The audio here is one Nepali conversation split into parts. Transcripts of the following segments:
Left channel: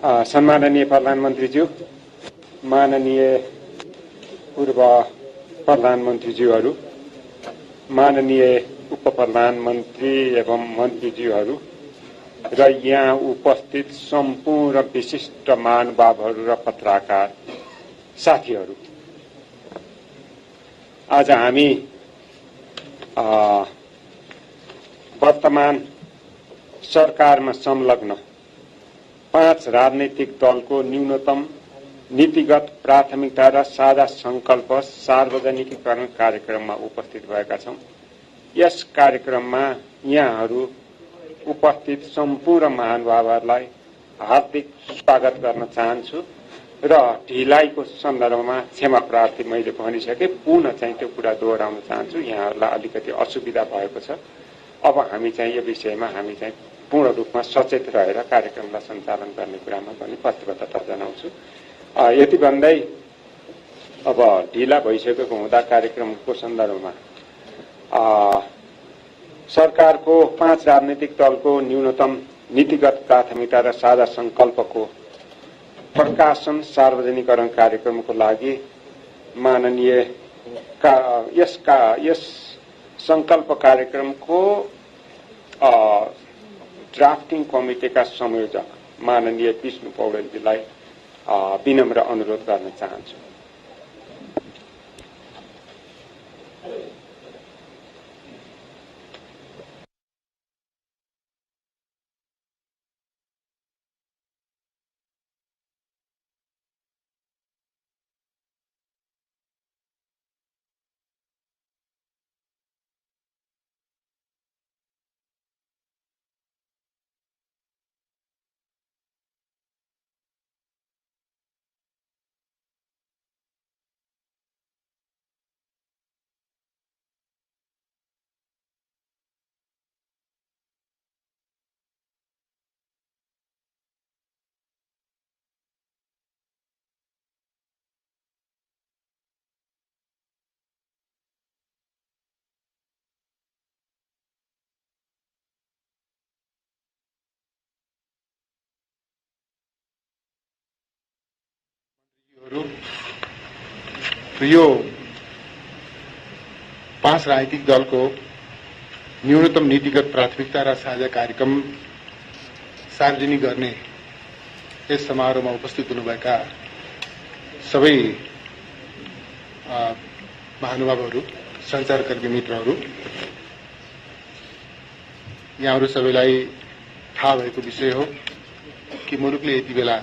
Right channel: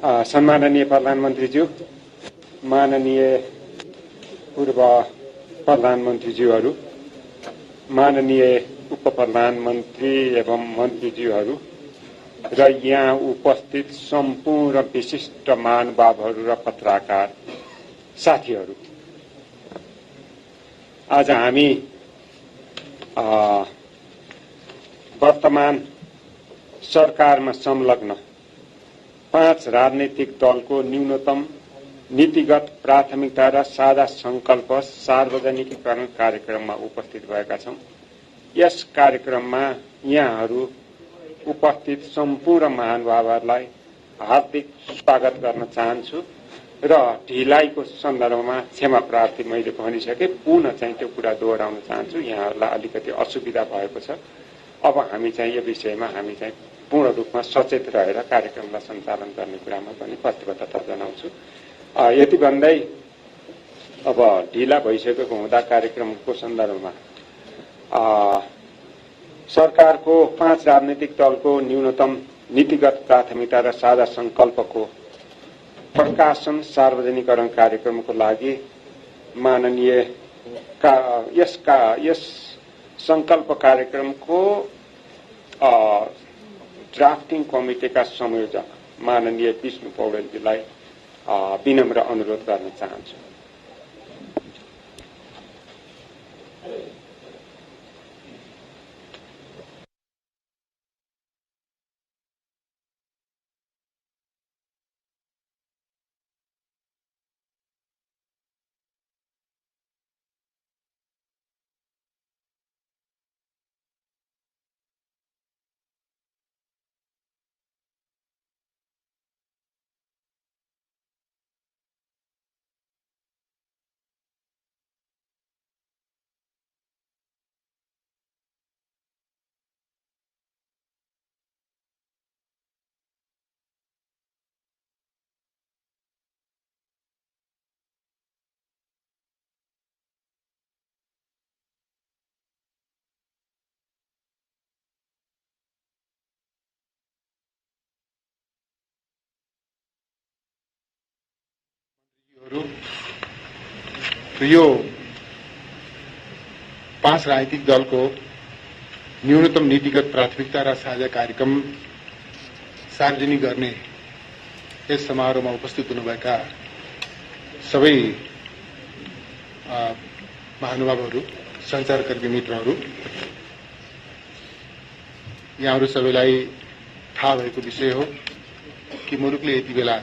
सम्माननीय प्रधानमन्त्रीज्यू, माननीय पूर्व प्रधानमन्त्रीज्यूहरू, माननीय उप प्रधानमन्त्री एवं मन्त्रीज्यूहरू र यहाँ उपस्थित सम्पूर्ण विशिष्ट महानुभावहरू र पत्रकार साथीहरू, आज हामी वर्तमान सरकारमा संलग्न 5 राजनैतिक दलको न्यूनतम नीतिगत प्राथमिकता र साझा संकल्प सार्वजनिकीकरण कार्यक्रममा उपस्थित भएका छौं। यस कार्यक्रममा यहाँहरू उपस्थित सम्पूर्ण महानुभावहरूलाई हार्दिक स्वागत गर्न चाहन्छु र ढिलाइको सन्दर्भमा क्षमा प्रार्थी मैले भनिसके, पुनः चाहिँ त्यो कुरा दोहोऱ्याउन चाहन्छु। यहाँहरूलाई अलिकति असुविधा भएको छ। अब हामी चाहिँ यो विषयमा हामी चाहिँ पूर्ण रूपमा सचेत रहेर कार्यक्रमलाई सञ्चालन गर्ने कुरामा पनि प्रतिबद्धता जनाउँछु। यति भन्दै अब ढिला भइसकेको हुँदा कार्यक्रमको सन्दर्भमा सरकारको 5 राजनैतिक दलको न्यूनतम नीतिगत प्राथमिकता र साझा संकल्पको प्रकाशन सार्वजनिकरण कार्यक्रमको लागि माननीय यस संकल्प कार्यक्रमको ड्राफ्टिङ कमिटीका संयोजक माननीय विष्णु पौडेलजीलाई विनम्र अनुरोध गर्न चाहन्छु। यो 5 राजनीतिक दलको न्यूनतम नीतिगत प्राथमिकता र साझा कार्यक्रम सार्वजनिक गर्ने यस समारोहमा उपस्थित हुनुभएका सबै महानुभावहरू, सञ्चारकर्मी मित्रहरू, यहाँहरू सबैलाई थाहा भएको विषय हो कि मुलुकले यति बेला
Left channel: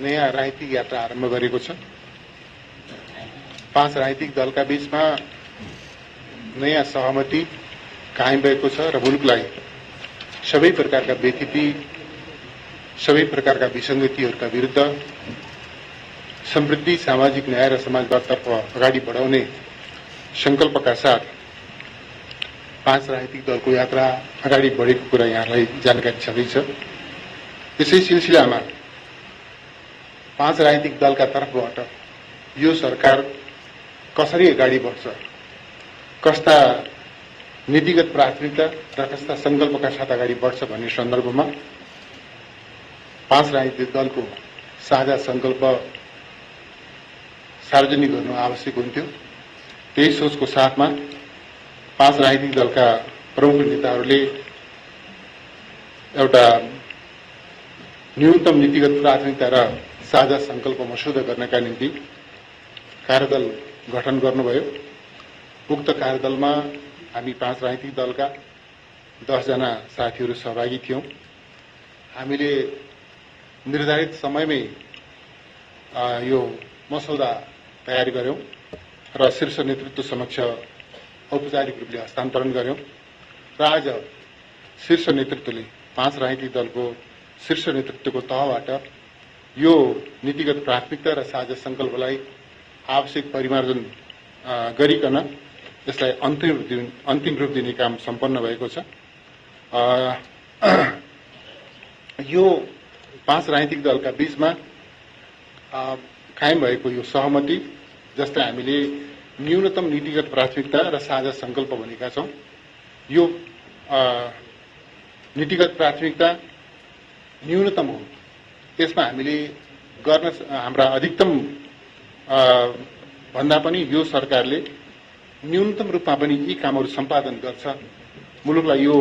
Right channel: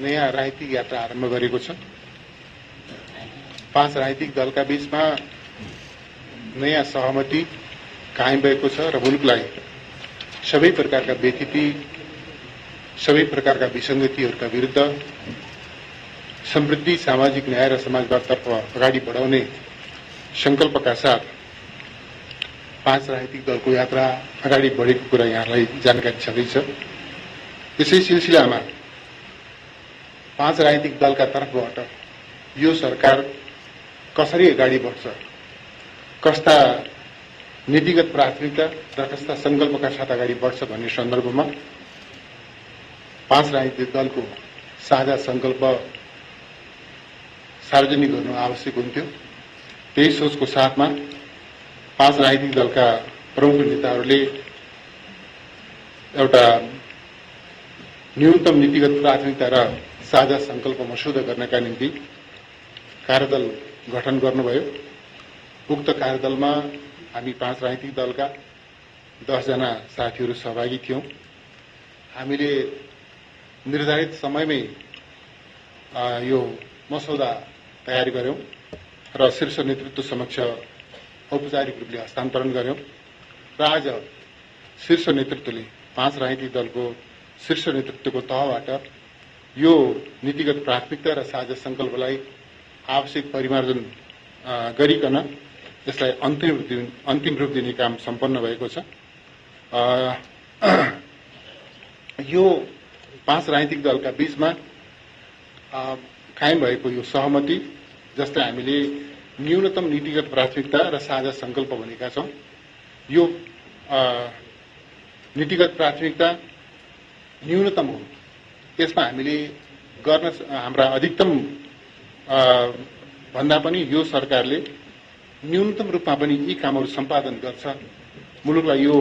नयाँ राजनीतिक यात्रा आरम्भ गरेको छ। 5 राजनीतिक दलका बीचमा नयाँ सहमति कायम भएको छ र मुलुकलाई सबै प्रकारका व्यतिथि, सबै प्रकारका विसङ्गतिहरूका विरुद्ध समृद्धि, सामाजिक न्याय र समाजवादतर्फ अगाडि बढाउने संकल्पका साथ 5 राजनीतिक दलको यात्रा अगाडि बढेको कुरा यहाँलाई जानकारी छँदैछ। यसै सिलसिलामा 5 राजनीतिक दलका तर्फबाट यो सरकार कसरी अगाडि बढ्छ, कस्ता नीतिगत प्राथमिकता र कस्ता संकल्पका साथ अगाडि बढ्छ भन्ने सन्दर्भमा 5 राजनीतिक दलको साझा संकल्प सार्वजनिक गर्नु आवश्यक हुन्थ्यो। त्यही सोचको साथमा 5 राजनीतिक दलका प्रमुख नेताहरूले एउटा न्यूनतम नीतिगत प्राथमिकता र साझा संकल्प मसौदा गर्नका निम्ति कार्यदल गठन गर्नुभयो। उक्त कार्यदलमा हामी 5 राजनीतिक दलका 10 जना साथीहरू सहभागी थियौं। हामीले निर्धारित समयमै यो मसौदा तयार गर्यौं र शीर्ष नेतृत्व समक्ष औपचारिक रूपले हस्तान्तरण गर्यौं र आज शीर्ष नेतृत्वले 5 राजनीतिक दलको शीर्ष नेतृत्वको तहबाट यो नीतिगत प्राथमिकता र साझा संकल्पलाई आवश्यक परिमार्जन गरिकन यसलाई अन्तिम रूप दिने काम सम्पन्न भएको छ। यो 5 राजनीतिक दलका बीचमा कायम भएको यो सहमति, जसलाई हामीले न्यूनतम नीतिगत प्राथमिकता र साझा संकल्प भनेका छौं, यो नीतिगत प्राथमिकता न्यूनतम हो यसमा हामीले गर्न हाम्रा अधिकतम भन्दा पनि यो सरकारले न्यूनतम रूपमा पनि यी कामहरू सम्पादन गर्छ, मुलुकलाई यो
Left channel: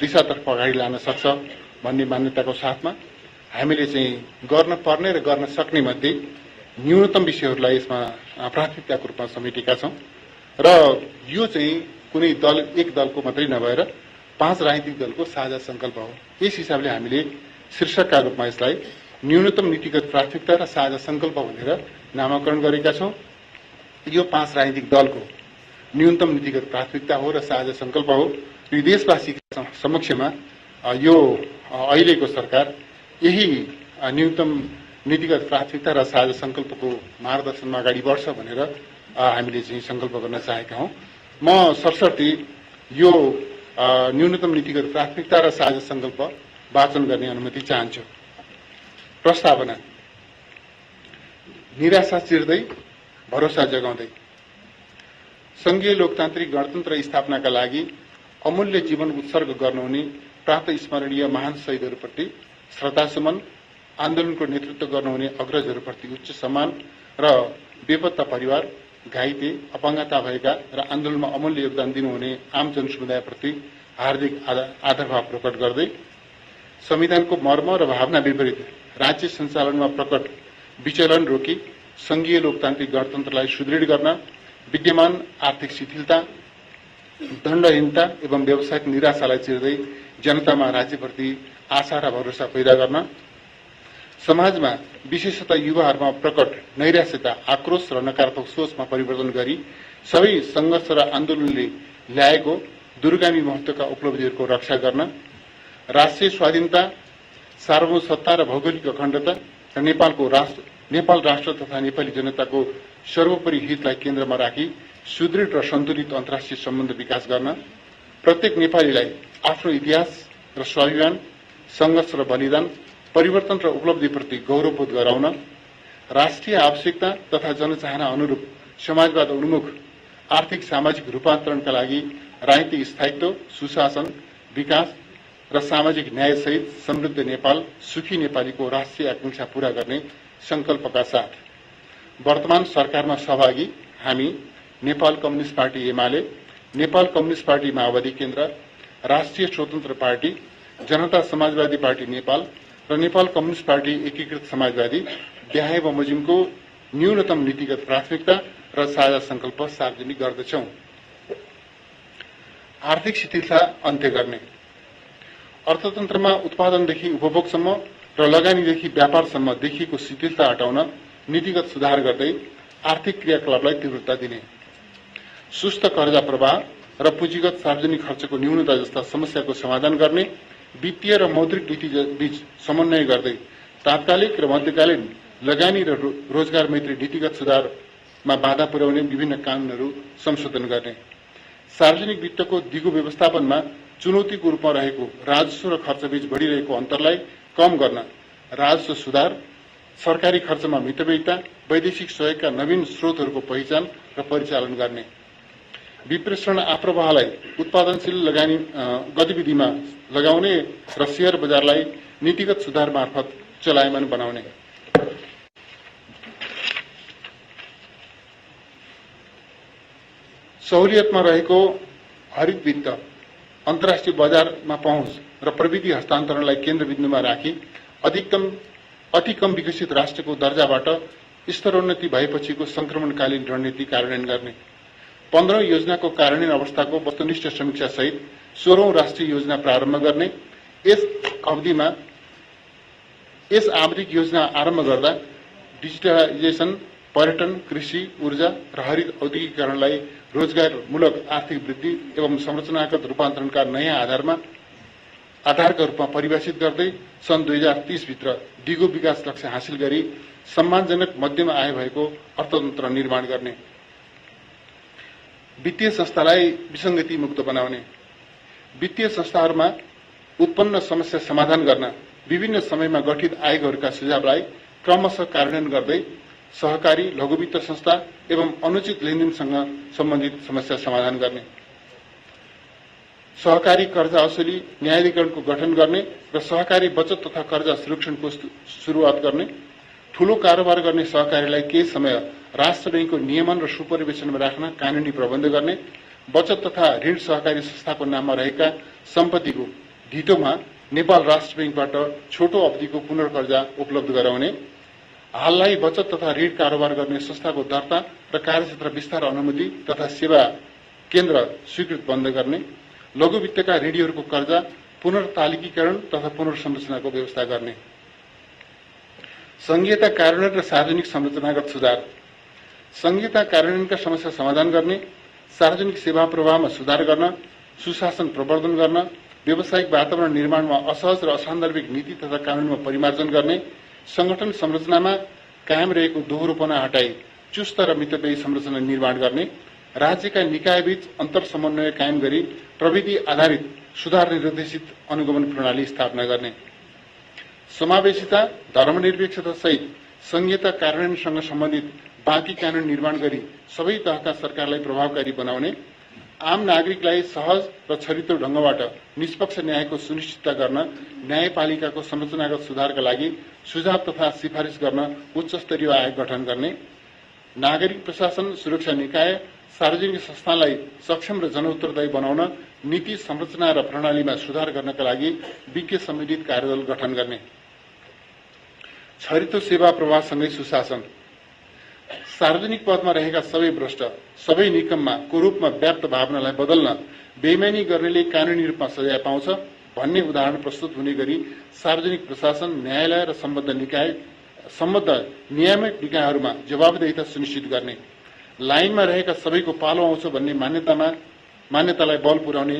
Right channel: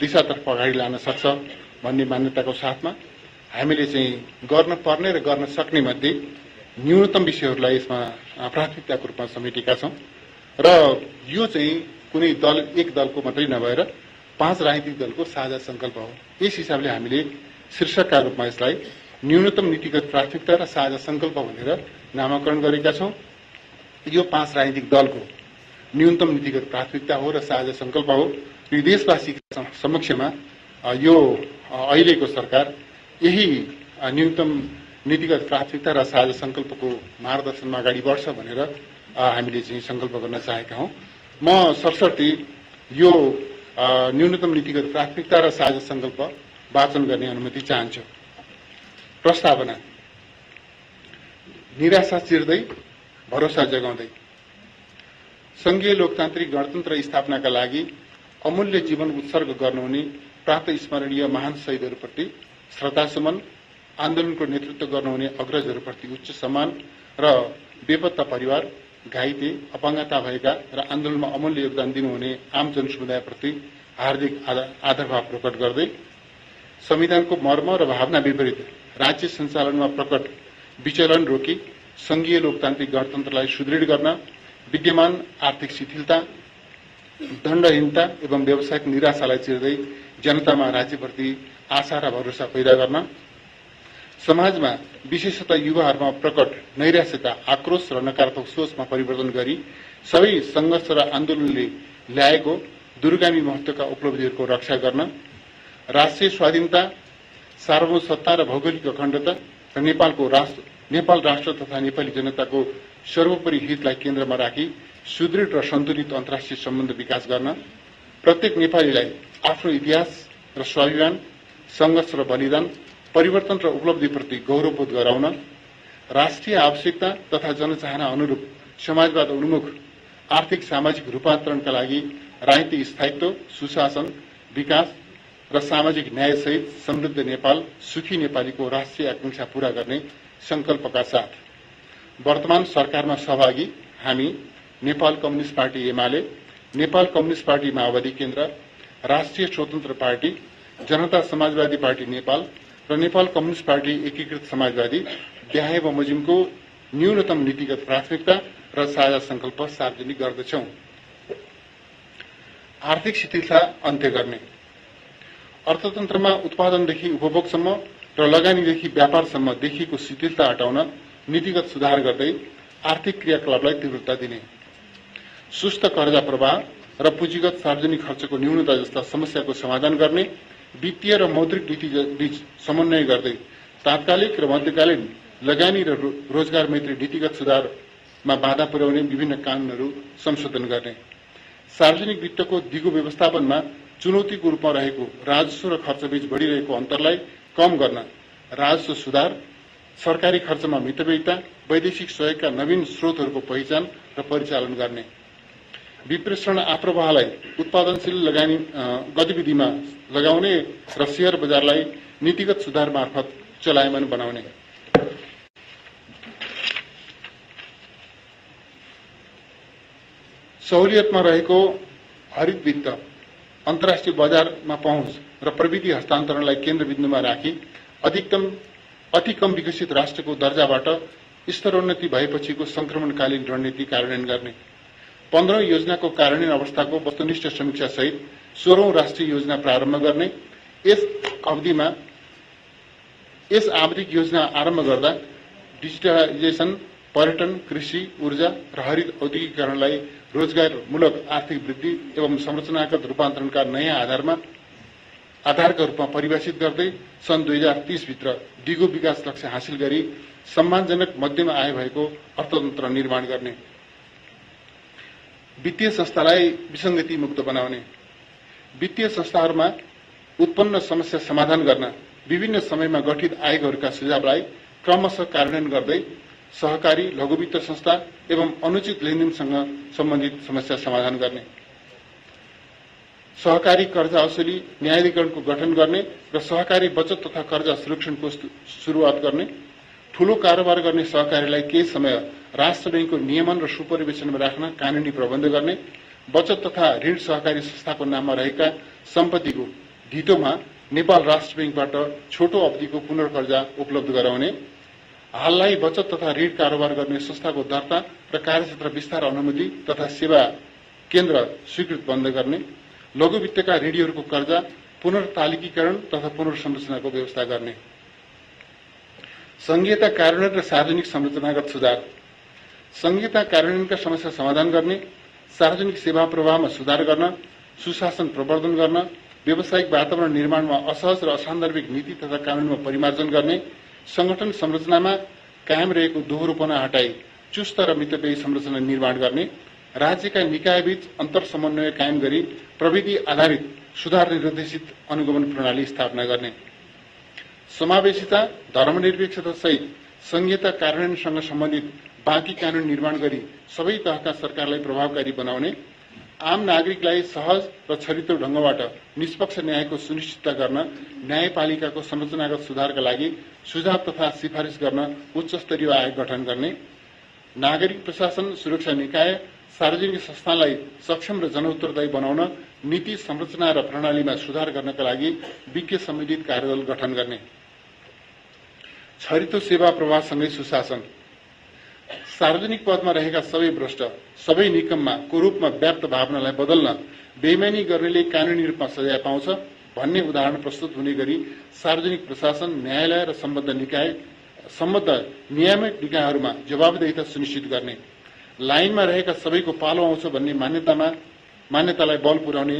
दिशातर्फ अगाडि लान सक्छ भन्ने मान्यताको साथमा हामीले चाहिँ गर्न पर्ने र गर्न सक्ने मध्ये न्यूनतम विषयहरूलाई यसमा प्राथमिकताको रूपमा समेटेका छौं र यो चाहिँ कुनै दल एक दलको मात्रै नभएर 5 राजनीतिक दलको साझा संकल्प हो। यस हिसाबले हामीले शीर्षकका रूपमा यसलाई न्यूनतम नीतिगत प्राथमिकता र साझा संकल्प भनेर नामाकरण गरेका छौं। यो 5 राजनीतिक दलको न्यूनतम नीतिगत प्राथमिकता हो र साझा संकल्प हो। यो देशवासीका समक्षमा यो अहिलेको सरकार यही न्यूनतम नीतिगत प्राथमिकता र साझा संकल्पको मार्गदर्शनमा अगाडि बढ्छ भनेर हामीले चाहिँ संकल्प गर्न चाहेका हौं। म सरसर्ती यो न्यूनतम नीतिगत प्राथमिकता र साझा संकल्प वाचन गर्ने अनुमति चाहन्छु। प्रस्तावना। निराशा चिर्दै भरोसा जगाउँदै संघीय लोकतान्त्रिक गणतन्त्र स्थापनाका लागि अमूल्य जीवन उत्सर्ग गर्नुहुने प्रात स्मरणीय महान शहीदहरूप्रति श्रद्धासुमन, आन्दोलनको नेतृत्व गर्नुहुने अग्रजहरूप्रति उच्च सम्मान र बेपत्ता परिवार, घाइते, अपाङ्गता भएका र आन्दोलनमा अमूल्य योगदान दिनुहुने आम जनसमुदायप्रति हार्दिक आदरभाव प्रकट गर्दै संविधानको मर्म र भावना विपरीत राज्य सञ्चालनमा प्रकट विचलन रोकी संघीय लोकतान्त्रिक गणतन्त्रलाई सुदृढ गर्न, विद्यमान आर्थिक शिथिलता, दण्डहीनता एवं व्यावसायिक निराशालाई चिर्दै जनतामा राज्यप्रति आशा र भरोसा पैदा गर्न, समाजमा विशेषतः युवाहरूमा प्रकट नैराश्यता, आक्रोश र नकारात्मक सोचमा परिवर्तन गरी सबै संघर्ष र आन्दोलनले ल्याएको दूरगामी महत्वका उपलब्धिहरूको रक्षा गर्न, राष्ट्रिय स्वाधीनता, सार्वभौमसत्ता र भौगोलिक अखण्डता र नेपाल राष्ट्र तथा नेपाली जनताको सर्वोपरि हितलाई केन्द्रमा राखी सुदृढ र सन्तुलित अन्तर्राष्ट्रिय सम्बन्ध विकास गर्न, प्रत्येक नेपालीलाई आफ्नो इतिहास र स्वाभिमान, संघर्ष र बलिदान, परिवर्तन र उपलब्धिप्रति गौरवबोध गराउन, राष्ट्रिय आवश्यकता तथा जनचाहना अनुरूप समाजवाद उन्मुख आर्थिक सामाजिक रूपान्तरणका लागि राजनीतिक स्थायित्व, सुशासन, विकास र सामाजिक न्यायसहित समृद्ध नेपाल, सुखी नेपालीको राष्ट्रिय आकांक्षा पूरा गर्ने संकल्पका साथ वर्तमान सरकारमा सहभागी हामी Nepal communist party UML, Nepal communist party माओवादी केन्द्र, राष्ट्रिय स्वतन्त्र पार्टी, जनता समाजवादी पार्टी नेपाल र नेपाल कम्युनिस्ट पार्टी एकीकृत समाजवादी देहाय बमोजिमको न्यूनतम नीतिगत प्राथमिकता र साझा संकल्प सार्वजनिक गर्दछौं। आर्थिक शिथिलता अन्त्य गर्ने। अर्थतन्त्रमा उत्पादनदेखि उपभोगसम्म र लगानीदेखि व्यापारसम्म देखिएको शिथिलता हटाउन नीतिगत सुधार गर्दै आर्थिक क्रियाकलापलाई तीव्रता दिने, सुस्त कर्जा प्रवाह र पुँजीगत सार्वजनिक खर्चको न्यूनता जस्ता समस्याको समाधान गर्ने, वित्तीय र मौद्रिक नीति बीच समन्वय गर्दै तात्कालिक र मध्यकालीन लगानी र रोजगार मैत्री नीतिगत सुधारमा बाधा पुर्याउने विभिन्न कानूनहरू संशोधन गर्ने, सार्वजनिक वित्तको दिगो व्यवस्थापनमा चुनौतीको रूपमा रहेको राजस्व र खर्चबीच बढ़िरहेको अन्तरलाई कम गर्न, राजस्व सुधार, सरकारी खर्चमा मितव्ययिता, वैदेशिक सहयोगका नवीन स्रोतहरूको पहिचान र परिचालन गर्ने, विप्रेषण आप्रवाहलाई उत्पादनशील लगानी गतिविधिमा लगाउने र शेयर बजारलाई नीतिगत सुधार मार्फत चलायमान बनाउने, सहुलियतमा रहेको हरित वित्त, अन्तर्राष्ट्रिय बजारमा पहुँच र प्रविधि हस्तान्तरणलाई केन्द्रबिन्दुमा राखी अति कम विकसित राष्ट्रको दर्जाबाट स्तरोन्नति भएपछिको संक्रमणकालीन रणनीति कार्यान्वयन गर्ने, 15औं योजनाको कार्यान्वयन अवस्थाको वस्तुनिष्ठ समीक्षा सहित 16औं राष्ट्रिय योजना प्रारम्भ गर्ने, यस अवधिमा यस आवधिक योजना आरम्भ गर्दा डिजिटलाइजेसन, पर्यटन, कृषि, ऊर्जा र हरित औद्योगिकरणलाई रोजगारमूलक आर्थिक वृद्धि एवं संरचनागत रूपान्तरणका नयाँ आधारका रूपमा परिभाषित गर्दै सन् 2030 भित्र दिगो विकास लक्ष्य हासिल गरी सम्मानजनक मध्यम आय भएको अर्थतन्त्र निर्माण गर्ने, वित्तीय संस्थालाई विसंगति मुक्त बनाउने, वित्तीय संस्थाहरूमा उत्पन्न समस्या समाधान गर्न विभिन्न समयमा गठित आयोगहरूका सुझावलाई क्रमशः कार्यान्वयन गर्दै सहकारी, लघुवित्त संस्था एवं अनुचित लेनदेनसँग सम्बन्धित समस्या समाधान गर्ने, सहकारी कर्जा असुली न्यायाधिकरणको गठन गर्ने र सहकारी बचत तथा कर्जा सुरक्षणको सुरुवात गर्ने, ठूलो कारोबार गर्ने सहकारीलाई केही समय राष्ट्र बैंकको नियमन र सुपरिवेशनमा राख्न कानूनी प्रबन्ध गर्ने, बचत तथा ऋण सहकारी संस्थाको नाममा रहेका सम्पत्तिको ढिटोमा नेपाल राष्ट्र बैंकबाट छोटो अवधिको पुनर्कर्जा उपलब्ध गराउने, हाललाई बचत तथा ऋण कारोबार गर्ने संस्थाको दर्ता र कार्यक्षेत्र विस्तार अनुमति तथा सेवा केन्द्र स्वीकृत बन्द गर्ने, लघु वित्तका ऋणीहरूको कर्जा पुनर्तालिकीकरण तथा पुनर्संरचनाको व्यवस्था गर्ने, संघीयता कार्यान्वयन र सार्वजनिक संरचनागत सुधार, संघीयता कार्यान्वयनका समस्या समाधान गर्ने, सार्वजनिक सेवा प्रवाहमा सुधार गर्न, सुशासन प्रवर्धन गर्न, व्यावसायिक वातावरण निर्माणमा असहज र असान्दर्भिक नीति तथा कानूनमा परिमार्जन गर्ने, संगठन संरचनामा कायम रहेको दोहोरोपना हटाई चुस्त र मितव्ययी संरचना निर्माण गर्ने, राज्यका निकायबीच अन्तर समन्वय कायम गरी प्रविधि आधारित सुधार निर्देशित अनुगमन प्रणाली स्थापना गर्ने, समावेशिता, धर्मनिरपेक्षता सहित संघीयता कार्यान्वयनसँग सम्बन्धित बाँकी कानून निर्माण गरी सबै तहका सरकारलाई प्रभावकारी बनाउने, आम नागरिकलाई सहज र छरितो ढंगबाट निष्पक्ष न्यायको सुनिश्चितता गर्न न्यायपालिकाको संरचनागत सुधारका लागि सुझाव तथा सिफारिश गर्न उच्च स्तरीय आयोग गठन गर्ने, नागरिक प्रशासन सुरक्षा निकाय सार्वजनिक संस्थालाई सक्षम र जनउत्तरदायी बनाउन नीति संरचना र प्रणालीमा सुधार गर्नका लागि विज्ञ सम्मिलित कार्यदल गठन गर्ने, छरितो सेवा प्रवाहसँगै सुशासन, सार्वजनिक पदमा रहेका सबै भ्रष्ट सबै निकममा कुरूपमा व्याप्त भावनालाई बदल्न बेइमानी गर्नेले कानूनी रूपमा सजाय पाउँछ भन्ने उदाहरण प्रस्तुत हुने गरी सार्वजनिक प्रशासन, न्यायालय र सम्बद्ध नियामक निकायहरूमा जवाबदेहिता सुनिश्चित गर्ने, लाइनमा रहेका सबैको पालो आउँछ भन्ने मान्यतालाई बल पुर्याउने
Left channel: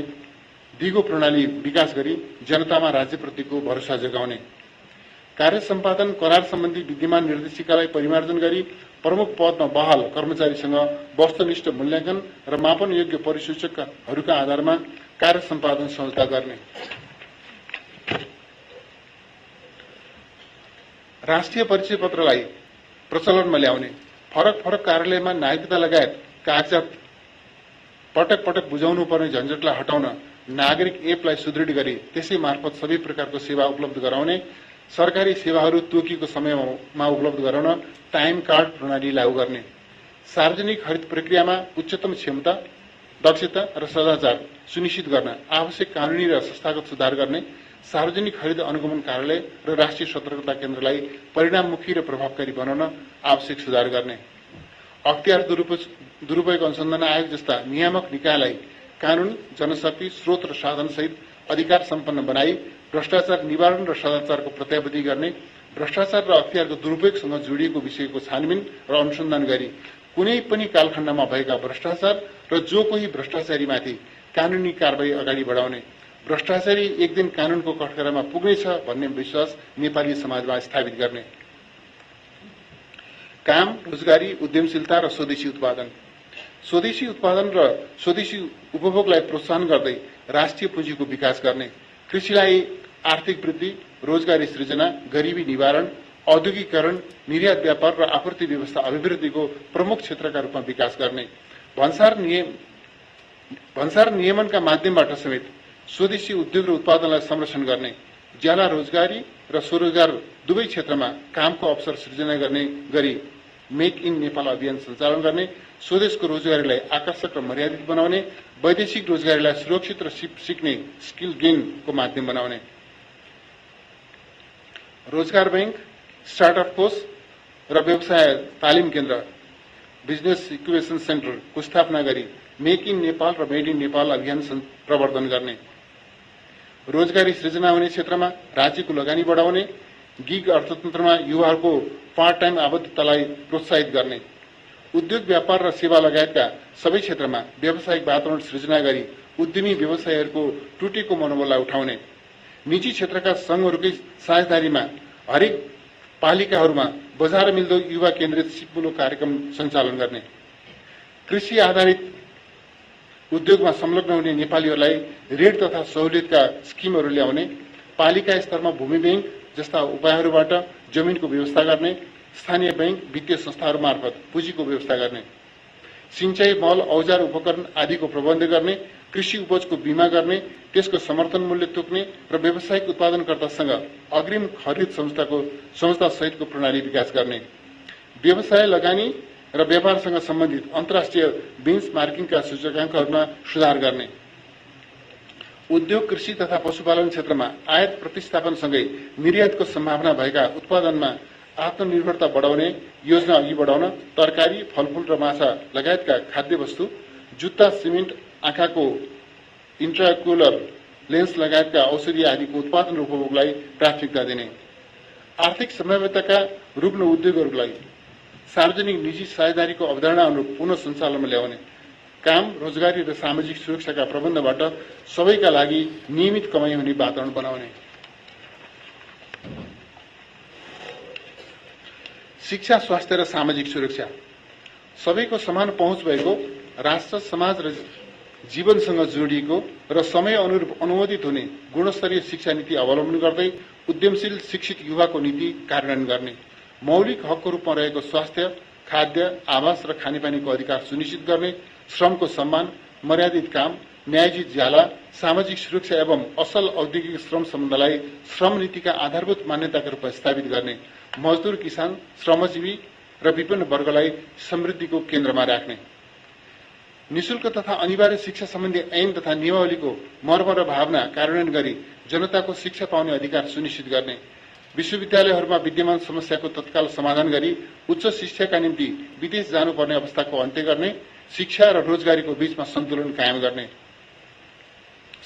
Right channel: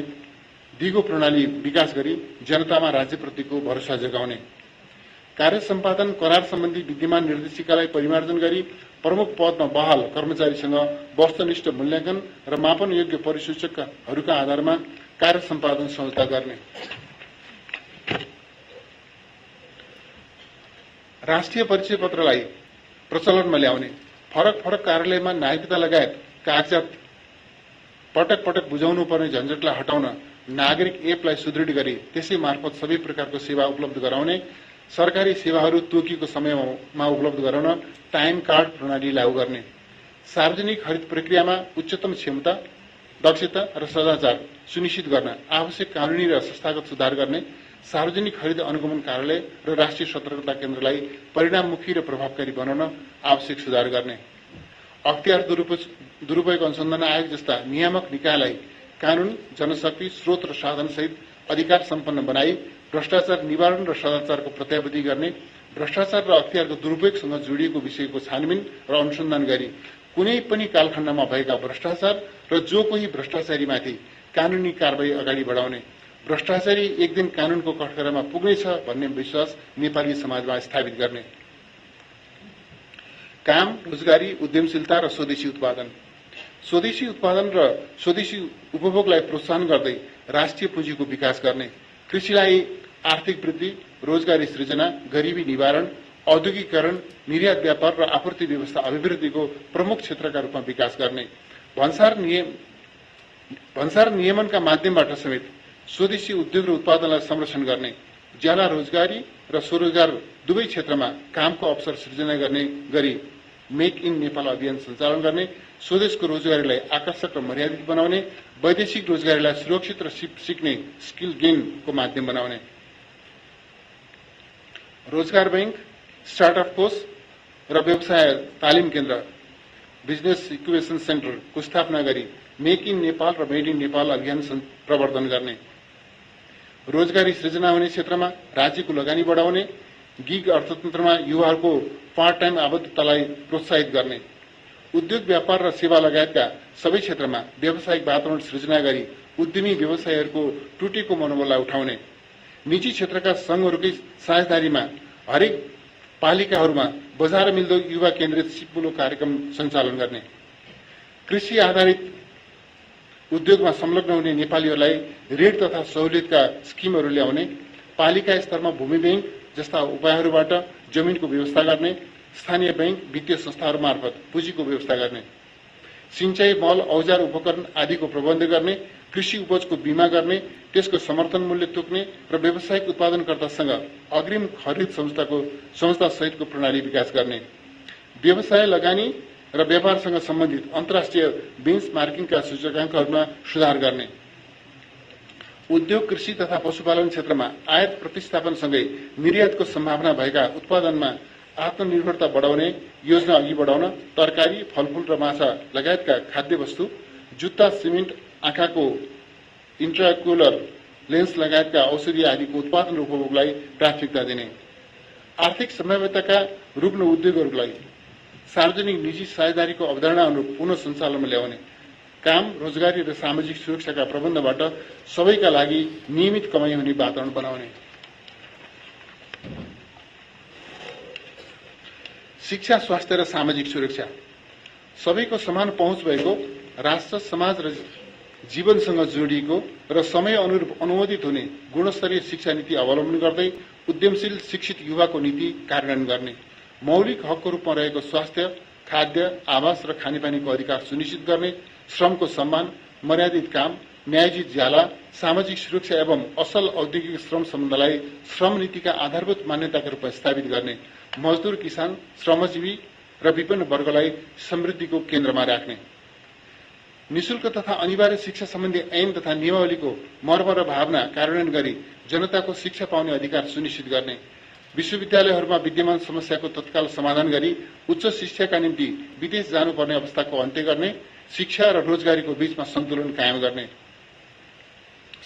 दिगो प्रणाली विकास गरी जनतामा राज्यप्रतिको भरोसा जगाउने, कार्य सम्पादन करार सम्बन्धी विद्यमान निर्देशिकालाई परिमार्जन गरी प्रमुख पदमा बहाल कर्मचारीसँग वस्तुनिष्ठ मूल्याङ्कन र मापन योग्य परिसूचकहरूका आधारमा कार्य सम्पादन सहजता गर्ने, राष्ट्रिय परिचय पत्रलाई प्रचलनमा ल्याउने, फरक कार्यालयमा नागरिकता लगायत कागजात पटक पटक बुझाउनु पर्ने झन्झटलाई हटाउन नागरिक एपलाई सुदृढ गरी त्यसै मार्फत सबै प्रकारको सेवा उपलब्ध गराउने, सरकारी सेवाहरू तोकिएको समयमा उपलब्ध गराउन टाइम कार्ड प्रणाली लागू गर्ने, सार्वजनिक खरिद प्रक्रियामा उच्चतम क्षमता, दक्षता र सदाचार सुनिश्चित गर्न आवश्यक कानूनी र संस्थागत सुधार गर्ने, सार्वजनिक खरिद अनुगमन कार्यालय र राष्ट्रिय सतर्कता केन्द्रलाई परिणाममुखी र प्रभावकारी बनाउन आवश्यक सुधार गर्ने, अख्तियार दुरूपयोग अनुसन्धान आयोग जस्ता नियामक निकायलाई कानून, जनशक्ति, स्रोत र साधन सहित अधिकार सम्पन्न बनाई भ्रष्टाचार निवारण र सदाचारको प्रत्याभूति गर्ने, भ्रष्टाचार र अख्तियारको दुरूपयोगसँग जोडिएको विषयको छानबिन र अनुसन्धान गरी कुनै पनि कालखण्डमा भएका भ्रष्टाचार र जो कोही भ्रष्टाचारीमाथि कानूनी कारवाही अगाडि बढाउने, भ्रष्टाचारी एक दिन कानूनको कठघरामा पुग्नेछ भन्ने विश्वास नेपाली समाजमा स्थापित गर्ने, काम, रोजगारी, उद्यमशीलता र स्वदेशी उत्पादन र स्वदेशी उपभोगलाई प्रोत्साहन गर्दै राष्ट्रिय पुँजीको विकास गर्ने, कृषिलाई आर्थिक वृद्धि, रोजगारी सृजना, गरिबी निवारण, औद्योगिकरण, निर्यात व्यापार र आपूर्ति व्यवस्था अभिवृद्धिको प्रमुख क्षेत्रका रूपमा विकास गर्ने, भन्सार नियमनका माध्यमबाट समेत स्वदेशी उद्योग र उत्पादनलाई संरक्षण गर्ने, ज्याला रोजगारी र स्वरोजगार दुवै क्षेत्रमा कामको अवसर सृजना गर्ने गरी मेक इन नेपाल अभियान सञ्चालन गर्ने, स्वदेशको रोजगारीलाई आकर्षक र मर्यादित बनाउने, वैदेशिक रोजगारीलाई सुरक्षित र सिक्ने स्किल गेनको माध्यम बनाउने, रोजगार बैंक, स्टार्टअप कोष र व्यवसाय तालिम केन्द्र बिजनेस इक्युबेसन सेन्टरको स्थापना गरी मेक इन नेपाल र मेड इन नेपाल अभियान प्रवर्धन गर्ने, रोजगारी सृजना हुने क्षेत्रमा राज्यको लगानी बढाउने, गिग अर्थतन्त्रमा युवाहरूको पार्ट टाइम आबद्धतालाई प्रोत्साहित गर्ने, उद्योग व्यापार र सेवा लगायतका सबै क्षेत्रमा व्यावसायिक वातावरण सृजना गरी उद्यमी व्यवसायीहरूको टुटेको मनोबललाई उठाउने, निजी क्षेत्रका संघहरूकै साझेदारीमा हरेक पालिकाहरूमा बजार मिल्दो युवा केन्द्रित सिक्मुलो कार्यक्रम सञ्चालन गर्ने, कृषि आधारित उद्योगमा संलग्न हुने नेपालीहरूलाई ऋण तथा सहुलियतका स्किमहरू ल्याउने, पालिका स्तरमा भूमि बैंक जस्ता उपायहरूबाट जमिनको व्यवस्था गर्ने, स्थानीय बैंक, वित्तीय संस्थाहरू मार्फत पुँजीको व्यवस्था गर्ने, सिंचाई, मल, औजार, उपकरण आदिको प्रबन्ध गर्ने, कृषि उपजको बीमा गर्ने, त्यसको समर्थन मूल्य तोक्ने र व्यावसायिक उत्पादनकर्तासँग अग्रिम खरिद संस्था सहितको प्रणाली विकास गर्ने, व्यवसाय लगानी र व्यापारसँग सम्बन्धित अन्तर्राष्ट्रिय बेन्चमार्किङका सूचकाङ्कहरूमा सुधार गर्ने, उद्योग, कृषि तथा पशुपालन क्षेत्रमा आयात प्रतिस्थापनसँगै निर्यातको सम्भावना भएका उत्पादनमा आत्मनिर्भरता बढाउने योजना अघि बढाउन तरकारी, फलफूल र माछा लगायतका खाद्य वस्तु, जुत्ता, सिमेन्ट, आँखाको इन्ट्राक्युलर लेन्स लगायतका औषधि आदिको उत्पादन र उपभोगलाई प्राथमिकता दिने, आर्थिक सम्भाव्यताका रुग्ण उद्योगहरूलाई सार्वजनिक निजी साझेदारीको अवधारणा अनुरूप पुनः सञ्चालनमा ल्याउने, काम, रोजगारी र सामाजिक सुरक्षाका प्रबन्धबाट सबैका लागि नियमित कमाई हुने वातावरण बनाउने, शिक्षा, स्वास्थ्य र सामाजिक सुरक्षा, सबैको समान पहुँच भएको, राष्ट्र, समाज र जीवनसँग जोडिएको र समय अनुरूप अनुमोदित हुने गुणस्तरीय शिक्षा नीति अवलम्बन गर्दै उद्यमशील शिक्षित युवाको नीति कार्यान्वयन गर्ने, मौलिक हकको रूपमा रहेको स्वास्थ्य, खाद्य, आवास र खानेपानीको अधिकार सुनिश्चित गर्ने, श्रमको सम्मान, मर्यादित काम, न्यायोचित ज्याला, सामाजिक सुरक्षा एवं असल औद्योगिक श्रम सम्बन्धलाई श्रम नीतिका आधारभूत मान्यताका रूपमा स्थापित गर्ने, मजदूर, किसान, श्रमजीवी र विभिन्न वर्गलाई समृद्धिको केन्द्रमा राख्ने, निशुल्क तथा अनिवार्य शिक्षा सम्बन्धी ऐन तथा नियमावलीको मर्म र भावना कार्यान्वयन गरी जनताको शिक्षा पाउने अधिकार सुनिश्चित गर्ने, विश्वविद्यालयहरूमा विद्यमान समस्याको तत्काल समाधान गरी उच्च शिक्षाका निम्ति विदेश जानुपर्ने अवस्थाको अन्त्य गर्ने, शिक्षा र रोजगारीको बीचमा सन्तुलन कायम गर्ने,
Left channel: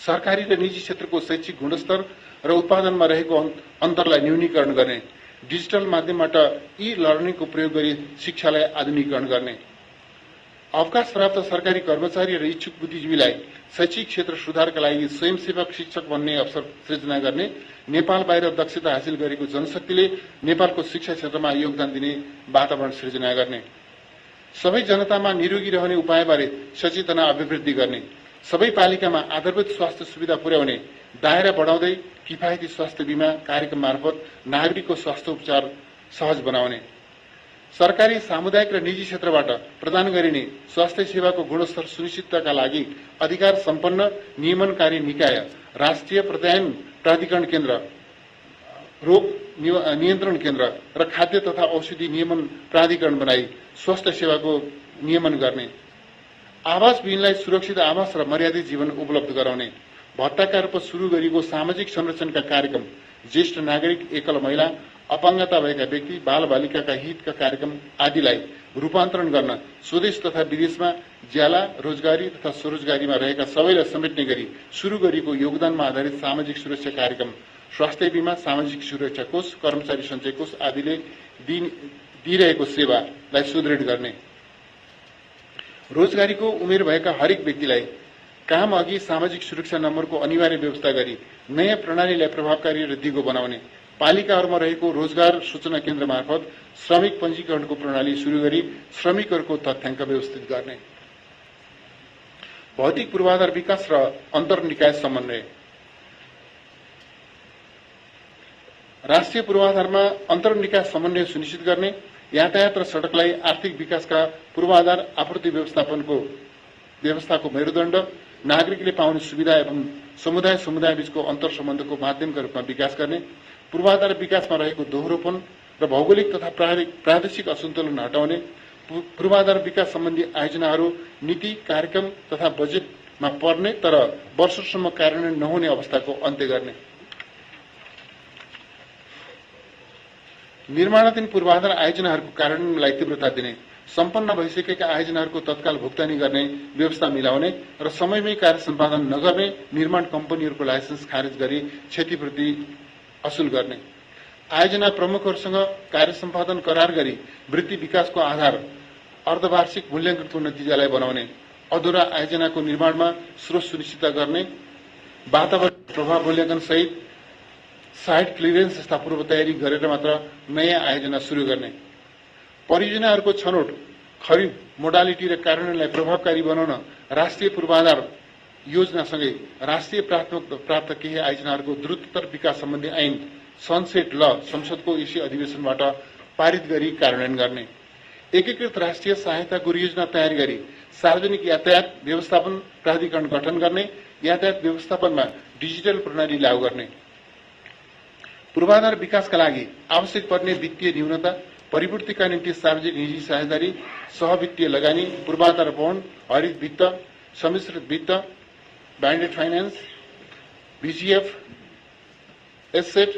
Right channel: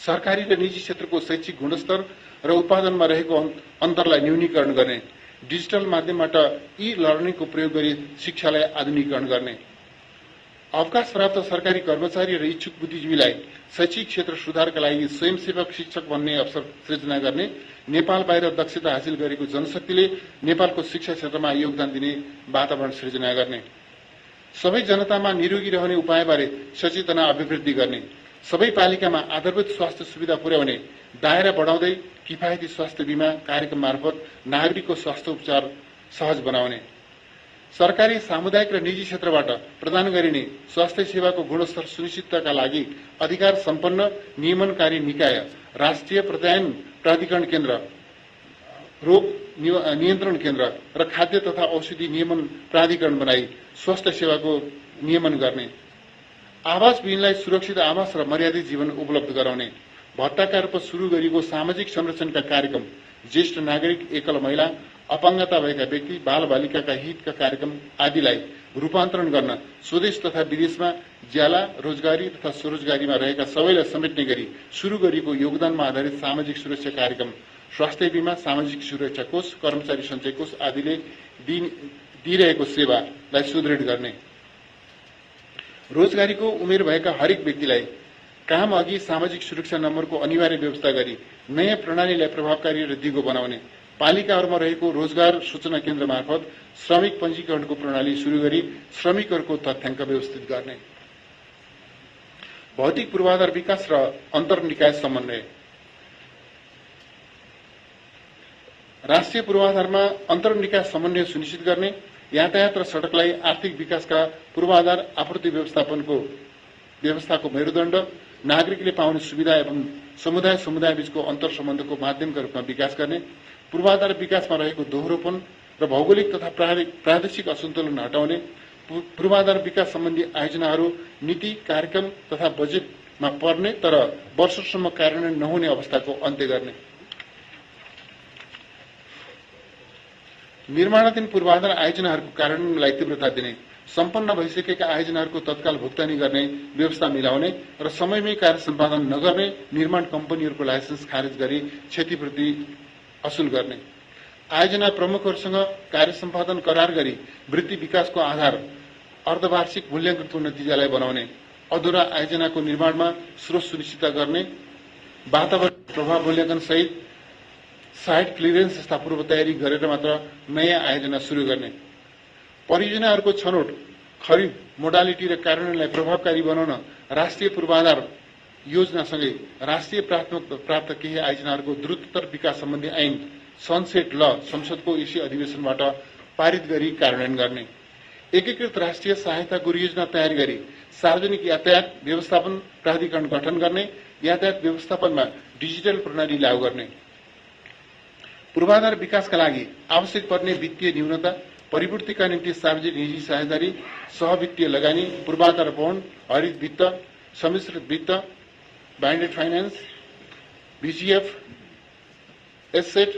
सरकारी र निजी क्षेत्रको शैक्षिक गुणस्तर र उत्पादनमा रहेको अन्तरलाई न्यूनीकरण गर्ने, डिजिटल माध्यमबाट ई लर्निङको प्रयोग गरी शिक्षालाई आधुनिकीकरण गर्ने, अवकाश प्राप्त सरकारी कर्मचारी र इच्छुक बुद्धिजीवीलाई शैक्षिक क्षेत्र सुधारका लागि स्वयंसेवक शिक्षक बन्ने अवसर सृजना गर्ने, नेपाल बाहिर दक्षता हासिल गरेको जनशक्तिले नेपालको शिक्षा क्षेत्रमा योगदान दिने वातावरण सृजना गर्ने, सबै जनतामा निरोगी रहने उपायबारे सचेतना अभिवृद्धि गर्ने, सबै पालिकामा आधारभूत स्वास्थ्य सुविधा पुर्याउने, दायरा बढाउँदै किफायती स्वास्थ्य बीमा कार्यक्रम मार्फत नागरिकको स्वास्थ्य उपचार सहज बनाउने, सरकारी, सामुदायिक र निजी क्षेत्रबाट प्रदान गरिने स्वास्थ्य सेवाको गुणस्तर सुनिश्चितताका लागि अधिकार सम्पन्न नियमनकारी निकाय, राष्ट्रिय प्रत्यायन प्राधिकरण केन्द्र, रोग नियन्त्रण केन्द्र र खाद्य तथा औषधि नियमन प्राधिकरण बनाई स्वास्थ्य सेवाको नियमन गर्ने, आवास विहीनलाई सुरक्षित आवास र मर्यादित जीवन उपलब्ध गराउने, भत्ताका रूपमा शुरू गरिएको सामाजिक संरक्षणका कार्यक्रम, ज्येष्ठ नागरिक, एकल महिला, अपाङ्गता भएका व्यक्ति, बालबालिकाका हितका कार्यक्रम आदिलाई रूपान्तरण गर्न स्वदेश तथा विदेशमा ज्याला, रोजगारी तथा स्वरोजगारीमा रहेका सबैलाई समेट्ने गरी शुरू गरिएको योगदानमा आधारित सामाजिक सुरक्षा कार्यक्रम, स्वास्थ्य बीमा, सामाजिक सुरक्षा कोष, कर्मचारी सञ्चय कोष आदिले दिइरहेको सेवालाई सुदृढ गर्ने, रोजगारीको उमेर भएका हरेक व्यक्तिलाई काम अघि सामाजिक सुरक्षा नम्बरको अनिवार्य व्यवस्था गरी नयाँ प्रणालीलाई प्रभावकारी र दिगो बनाउने, पालिकाहरूमा रहेको रोजगार सूचना केन्द्र मार्फत श्रमिक पञ्जीकरणको प्रणाली शुरू गरी श्रमिकहरूको तथ्याङ्क व्यवस्थित गर्ने, भौतिक पूर्वाधार विकास र अन्तर्निकाय समन्वय, राष्ट्रिय पूर्वाधारमा अन्तर्निकाय समन्वय सुनिश्चित गर्ने, यातायात र सड़कलाई आर्थिक विकासका पूर्वाधार आपूर्ति व्यवस्थाको मेरुदण्ड, नागरिकले पाउने सुविधा एवं समुदाय बीचको अन्तर सम्बन्धको माध्यमका रूपमा विकास गर्ने, पूर्वाधार विकासमा रहेको दोहोरोपन र भौगोलिक तथा प्रादेशिक असन्तुलन हटाउने, पूर्वाधार विकास सम्बन्धी आयोजनाहरू नीति, कार्यक्रम तथा बजेटमा पर्ने तर वर्षसम्म कार्यान्वयन नहुने अवस्थाको अन्त्य गर्ने, निर्माणाधीन पूर्वाधार आयोजनाहरूको कार्यान्वयनलाई तीव्रता दिने, सम्पन्न भइसकेका आयोजनाहरूको तत्काल भुक्तानी गर्ने व्यवस्था मिलाउने र समयमै कार्य सम्पादन नगर्ने निर्माण कम्पनीहरूको लाइसेन्स खारेज गरी क्षतिपूर्ति असुल गर्ने, आयोजना प्रमुखहरूसँग कार्य सम्पादन करार गरी वृत्ति विकासको आधार अर्धवार्षिक मूल्याङ्कनको नतिजालाई बनाउने, अधुरा आयोजनाको निर्माणमा स्रोत सुनिश्चित गर्ने, वातावरण प्रभाव मूल्याङ्कन सहित साइट क्लियरेन्स जस्ता पूर्व तयारी गरेर मात्र नयाँ आयोजना शुरू गर्ने, परियोजनाहरूको छनौट, खरिद, मोडालिटी र कार्यान्वयनलाई प्रभावकारी बनाउन राष्ट्रिय पूर्वाधार योजनासँगै राष्ट्रिय प्राप्त केही आयोजनाहरूको द्रुततर विकास सम्बन्धी ऐन सनसेट ल संसदको इसी अधिवेशनबाट पारित गरी कार्यान्वयन गर्ने, एकीकृत राष्ट्रिय सहायता योजना तयार गरी सार्वजनिक यातायात व्यवस्थापन प्राधिकरण गठन गर्ने, यातायात व्यवस्थापनमा डिजिटल प्रणाली लागू गर्ने, पूर्वाधार विकासका लागि आवश्यक पर्ने वित्तीय न्यूनता, परिपूर्तिका निम्ति सार्वजनिक निजी साझेदारी, सहवित्तीय लगानी, पूर्वाधार बन्ड, हरित वित्त, सम्मिश्रित वित्त, blended finance, VGF, asset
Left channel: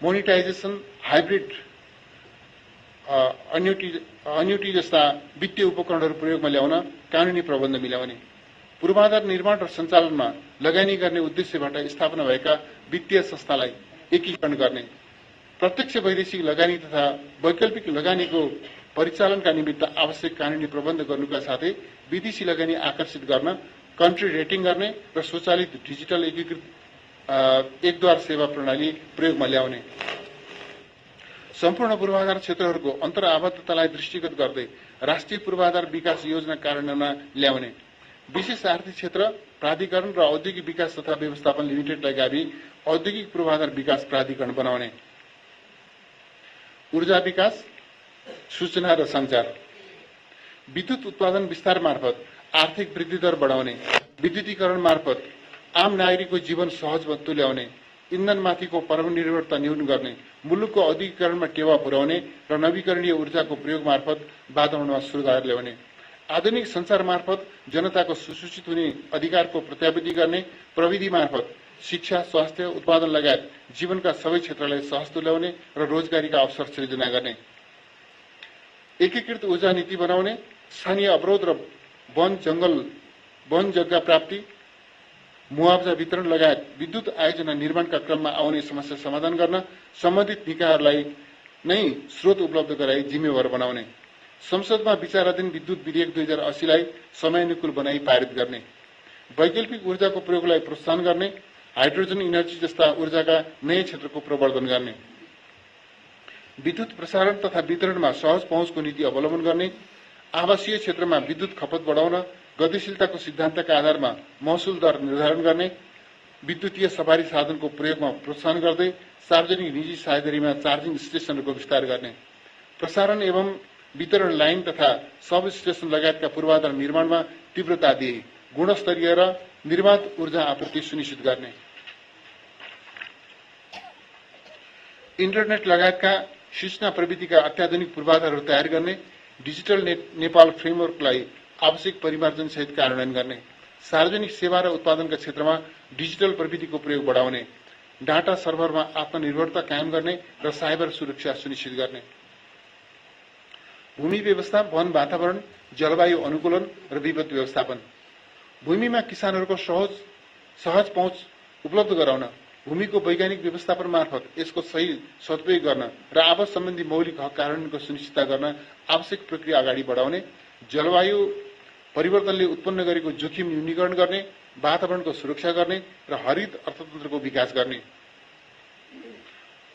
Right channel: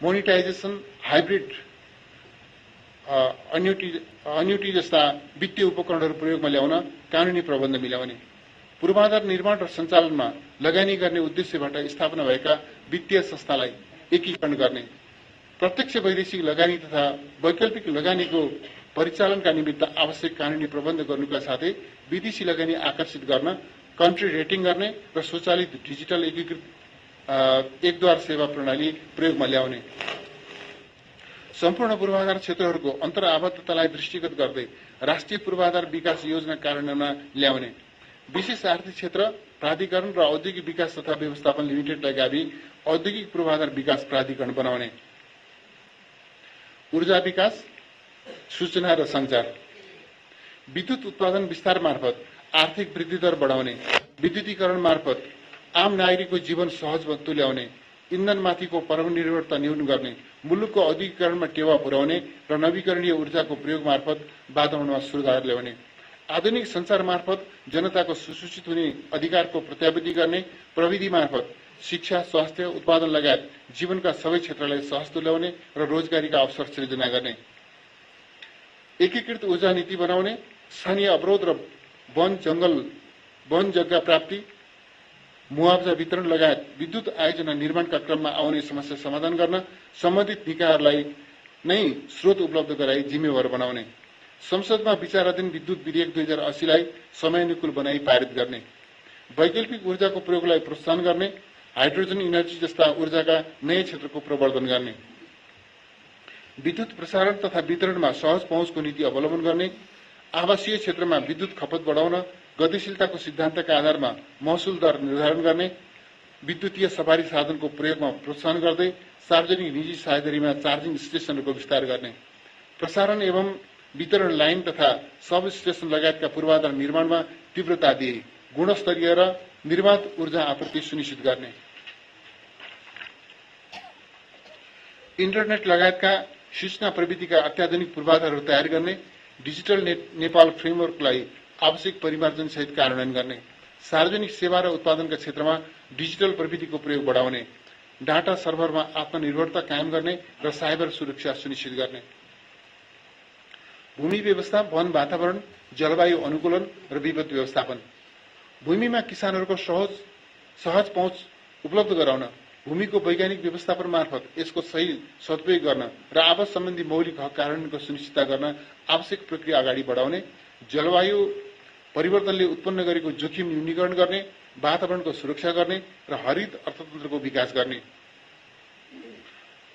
monetisation, hybrid annuity जस्ता वित्तीय उपकरणहरू प्रयोगमा ल्याउन कानूनी प्रबन्ध मिलाउने, पूर्वाधार निर्माण र सञ्चालनमा लगानी गर्ने उद्देश्यबाट स्थापना भएका वित्तीय संस्थालाई एकीकरण गर्ने, प्रत्यक्ष वैदेशिक लगानी तथा वैकल्पिक लगानीको परिचालनका निमित्त आवश्यक कानूनी प्रबन्ध गर्नुका साथै विदेशी लगानी आकर्षित गर्न कन्ट्री रेटिङ गर्ने र स्वचालित डिजिटल एकीकृत एकद्वार सेवा प्रणाली प्रयोगमा ल्याउने, सम्पूर्ण पूर्वाधार क्षेत्रहरूको अन्तर्आबद्धतालाई दृष्टिगत गर्दै राष्ट्रिय पूर्वाधार विकास योजना कार्यान्वयनमा ल्याउने, विशेष आर्थिक क्षेत्र प्राधिकरण र औद्योगिक विकास तथा व्यवस्थापन लिमिटेडलाई गाभी औद्योगिक पूर्वाधार विकास प्राधिकरण बनाउने, ऊर्जा विकास, सूचना र सञ्चार, विद्युत उत्पादन विस्तार मार्फत आर्थिक वृद्धि दर बढाउने, विद्युतीकरण मार्फत आम नागरिकको जीवन सहज तुल्याउने, इन्धनमाथिको परनिर्भरता न्यून गर्ने, मुलुकको औद्योगिकरणमा टेवा पुर्याउने र नवीकरणीय ऊर्जाको प्रयोग मार्फत वातावरणमा सुधार ल्याउने, आधुनिक संचार मार्फत जनताको सुसूचित हुने अधिकारको प्रत्याभूति गर्ने, प्रविधि मार्फत शिक्षा, स्वास्थ्य, उत्पादन लगायत जीवनका सबै क्षेत्रलाई सहज तुल्याउने र रोजगारीका अवसर सृजना गर्ने, एकीकृत ऊर्जा नीति बनाउने, स्थानीय अवरोध र वन जग्गा प्राप्ति, मुआवजा वितरण लगायत विद्युत आयोजना निर्माणका क्रममा आउने समस्या समाधान गर्न सम्बन्धित निकायहरूलाई नै स्रोत उपलब्ध गराई जिम्मेवार बनाउने, संसदमा विचाराधीन विद्युत विधेयक 2080 लाई समयानुकूल बनाई पारित गर्ने, वैकल्पिक ऊर्जाको प्रयोगलाई प्रोत्साहन गर्ने, हाइड्रोजन इनर्जी जस्ता ऊर्जाका नयाँ क्षेत्रको प्रवर्धन गर्ने, विद्युत प्रसारण तथा वितरणमा सहज पहुँचको नीति अवलम्बन गर्ने, आवासीय क्षेत्रमा विद्युत खपत बढाउन गतिशीलताको सिद्धान्तका आधारमा महसुल दर निर्धारण गर्ने, विद्युतीय सवारी साधनको प्रयोगमा प्रोत्साहन गर्दै सार्वजनिक निजी साझेदारीमा चार्जिङ स्टेशनहरूको विस्तार गर्ने, प्रसारण एवं वितरण लाइन तथा सब स्टेशन लगायतका पूर्वाधार निर्माणमा तीव्रता दिए गुणस्तरीय र निर्बाध ऊर्जा आपूर्ति सुनिश्चित गर्ने, इन्टरनेट लगायतका सूचना प्रविधिका अत्याधुनिक पूर्वाधारहरू तयार गर्ने, डिजिटल नेपाल फ्रेमवर्कलाई आवश्यक परिमार्जन सहित कार्यान्वयन गर्ने, सार्वजनिक सेवा र उत्पादनका क्षेत्रमा डिजिटल प्रविधिको प्रयोग बढाउने, डाटा सर्भरमा आत्मनिर्भरता कायम गर्ने र साइबर सुरक्षा सुनिश्चित गर्ने, भूमि व्यवस्था, वन वातावरण, जलवायु अनुकूलन र विपद व्यवस्थापन, भूमिमा किसानहरूको सहज पहुँच उपलब्ध गराउन, भूमिको वैज्ञानिक व्यवस्थापन मार्फत यसको सही सदुपयोग गर्न र आवास सम्बन्धी मौलिक हक कानूनको सुनिश्चितता गर्न आवश्यक प्रक्रिया अगाडि बढाउने, जलवायु परिवर्तनले उत्पन्न गरेको जोखिम न्यूनीकरण गर्ने, वातावरणको सुरक्षा गर्ने र हरित अर्थतन्त्रको विकास गर्ने,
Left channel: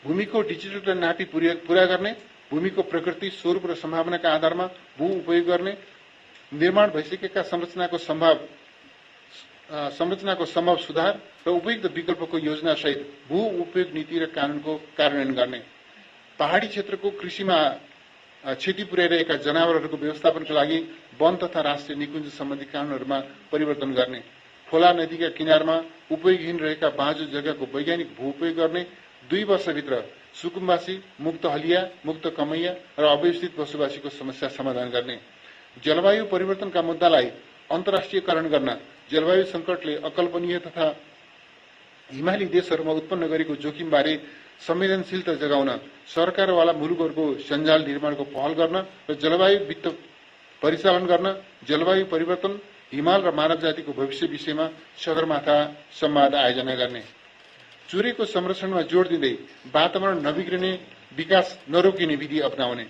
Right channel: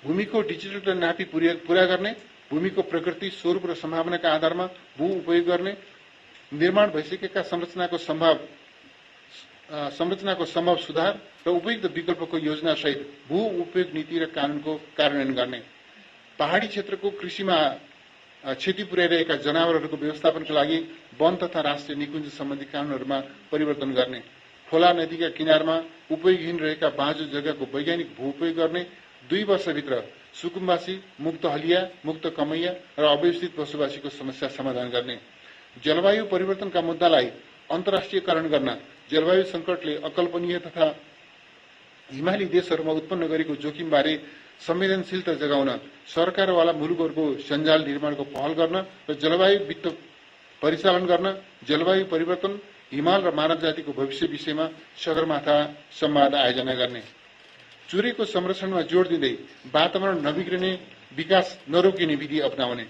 भूमिको डिजिटल नापी पूरा गर्ने, भूमिको प्रकृति, स्वरूप र सम्भावनाका आधारमा भू उपयोग गर्ने, निर्माण भइसकेका संरचनाको सम्भव सुधार र उपयुक्त विकल्पको योजना सहित भू उपयोग नीति र कानूनको कार्यान्वयन गर्ने, पहाडी क्षेत्रको कृषिमा क्षति पुर्याइरहेका जनावरहरूको व्यवस्थापनका लागि वन तथा राष्ट्रिय निकुञ्ज सम्बन्धी कानूनहरूमा परिवर्तन गर्ने, खोला नदीका किनारमा उपयोगहीन रहेका बाँझो जग्गाको वैज्ञानिक भू उपयोग गर्ने, 2 वर्षभित्र सुकुम्बासी, मुक्त हलिया, मुक्त कमैया र अव्यवस्थित बसोबासीको समस्या समाधान गर्ने, जलवायु परिवर्तनका मुद्दालाई अन्तर्राष्ट्रियकरण गर्न, जलवायु संकटले अकल्पनीय तथा हिमाली देशहरूमा उत्पन्न गरेको जोखिमबारे संवेदनशीलता जगाउन सरकारवाला मुलुकहरूको सञ्जाल निर्माणको पहल गर्न र जलवायु वित्त परिचालन गर्न, जलवायु परिवर्तन, हिमाल र मानव जातिको भविष्य विषयमा सगरमाथा संवाद आयोजना गर्ने, चुरेको संरक्षणमा जोड़ दिँदै वातावरण नबिग्रिने, विकास नरोकिने विधि अपनाउने,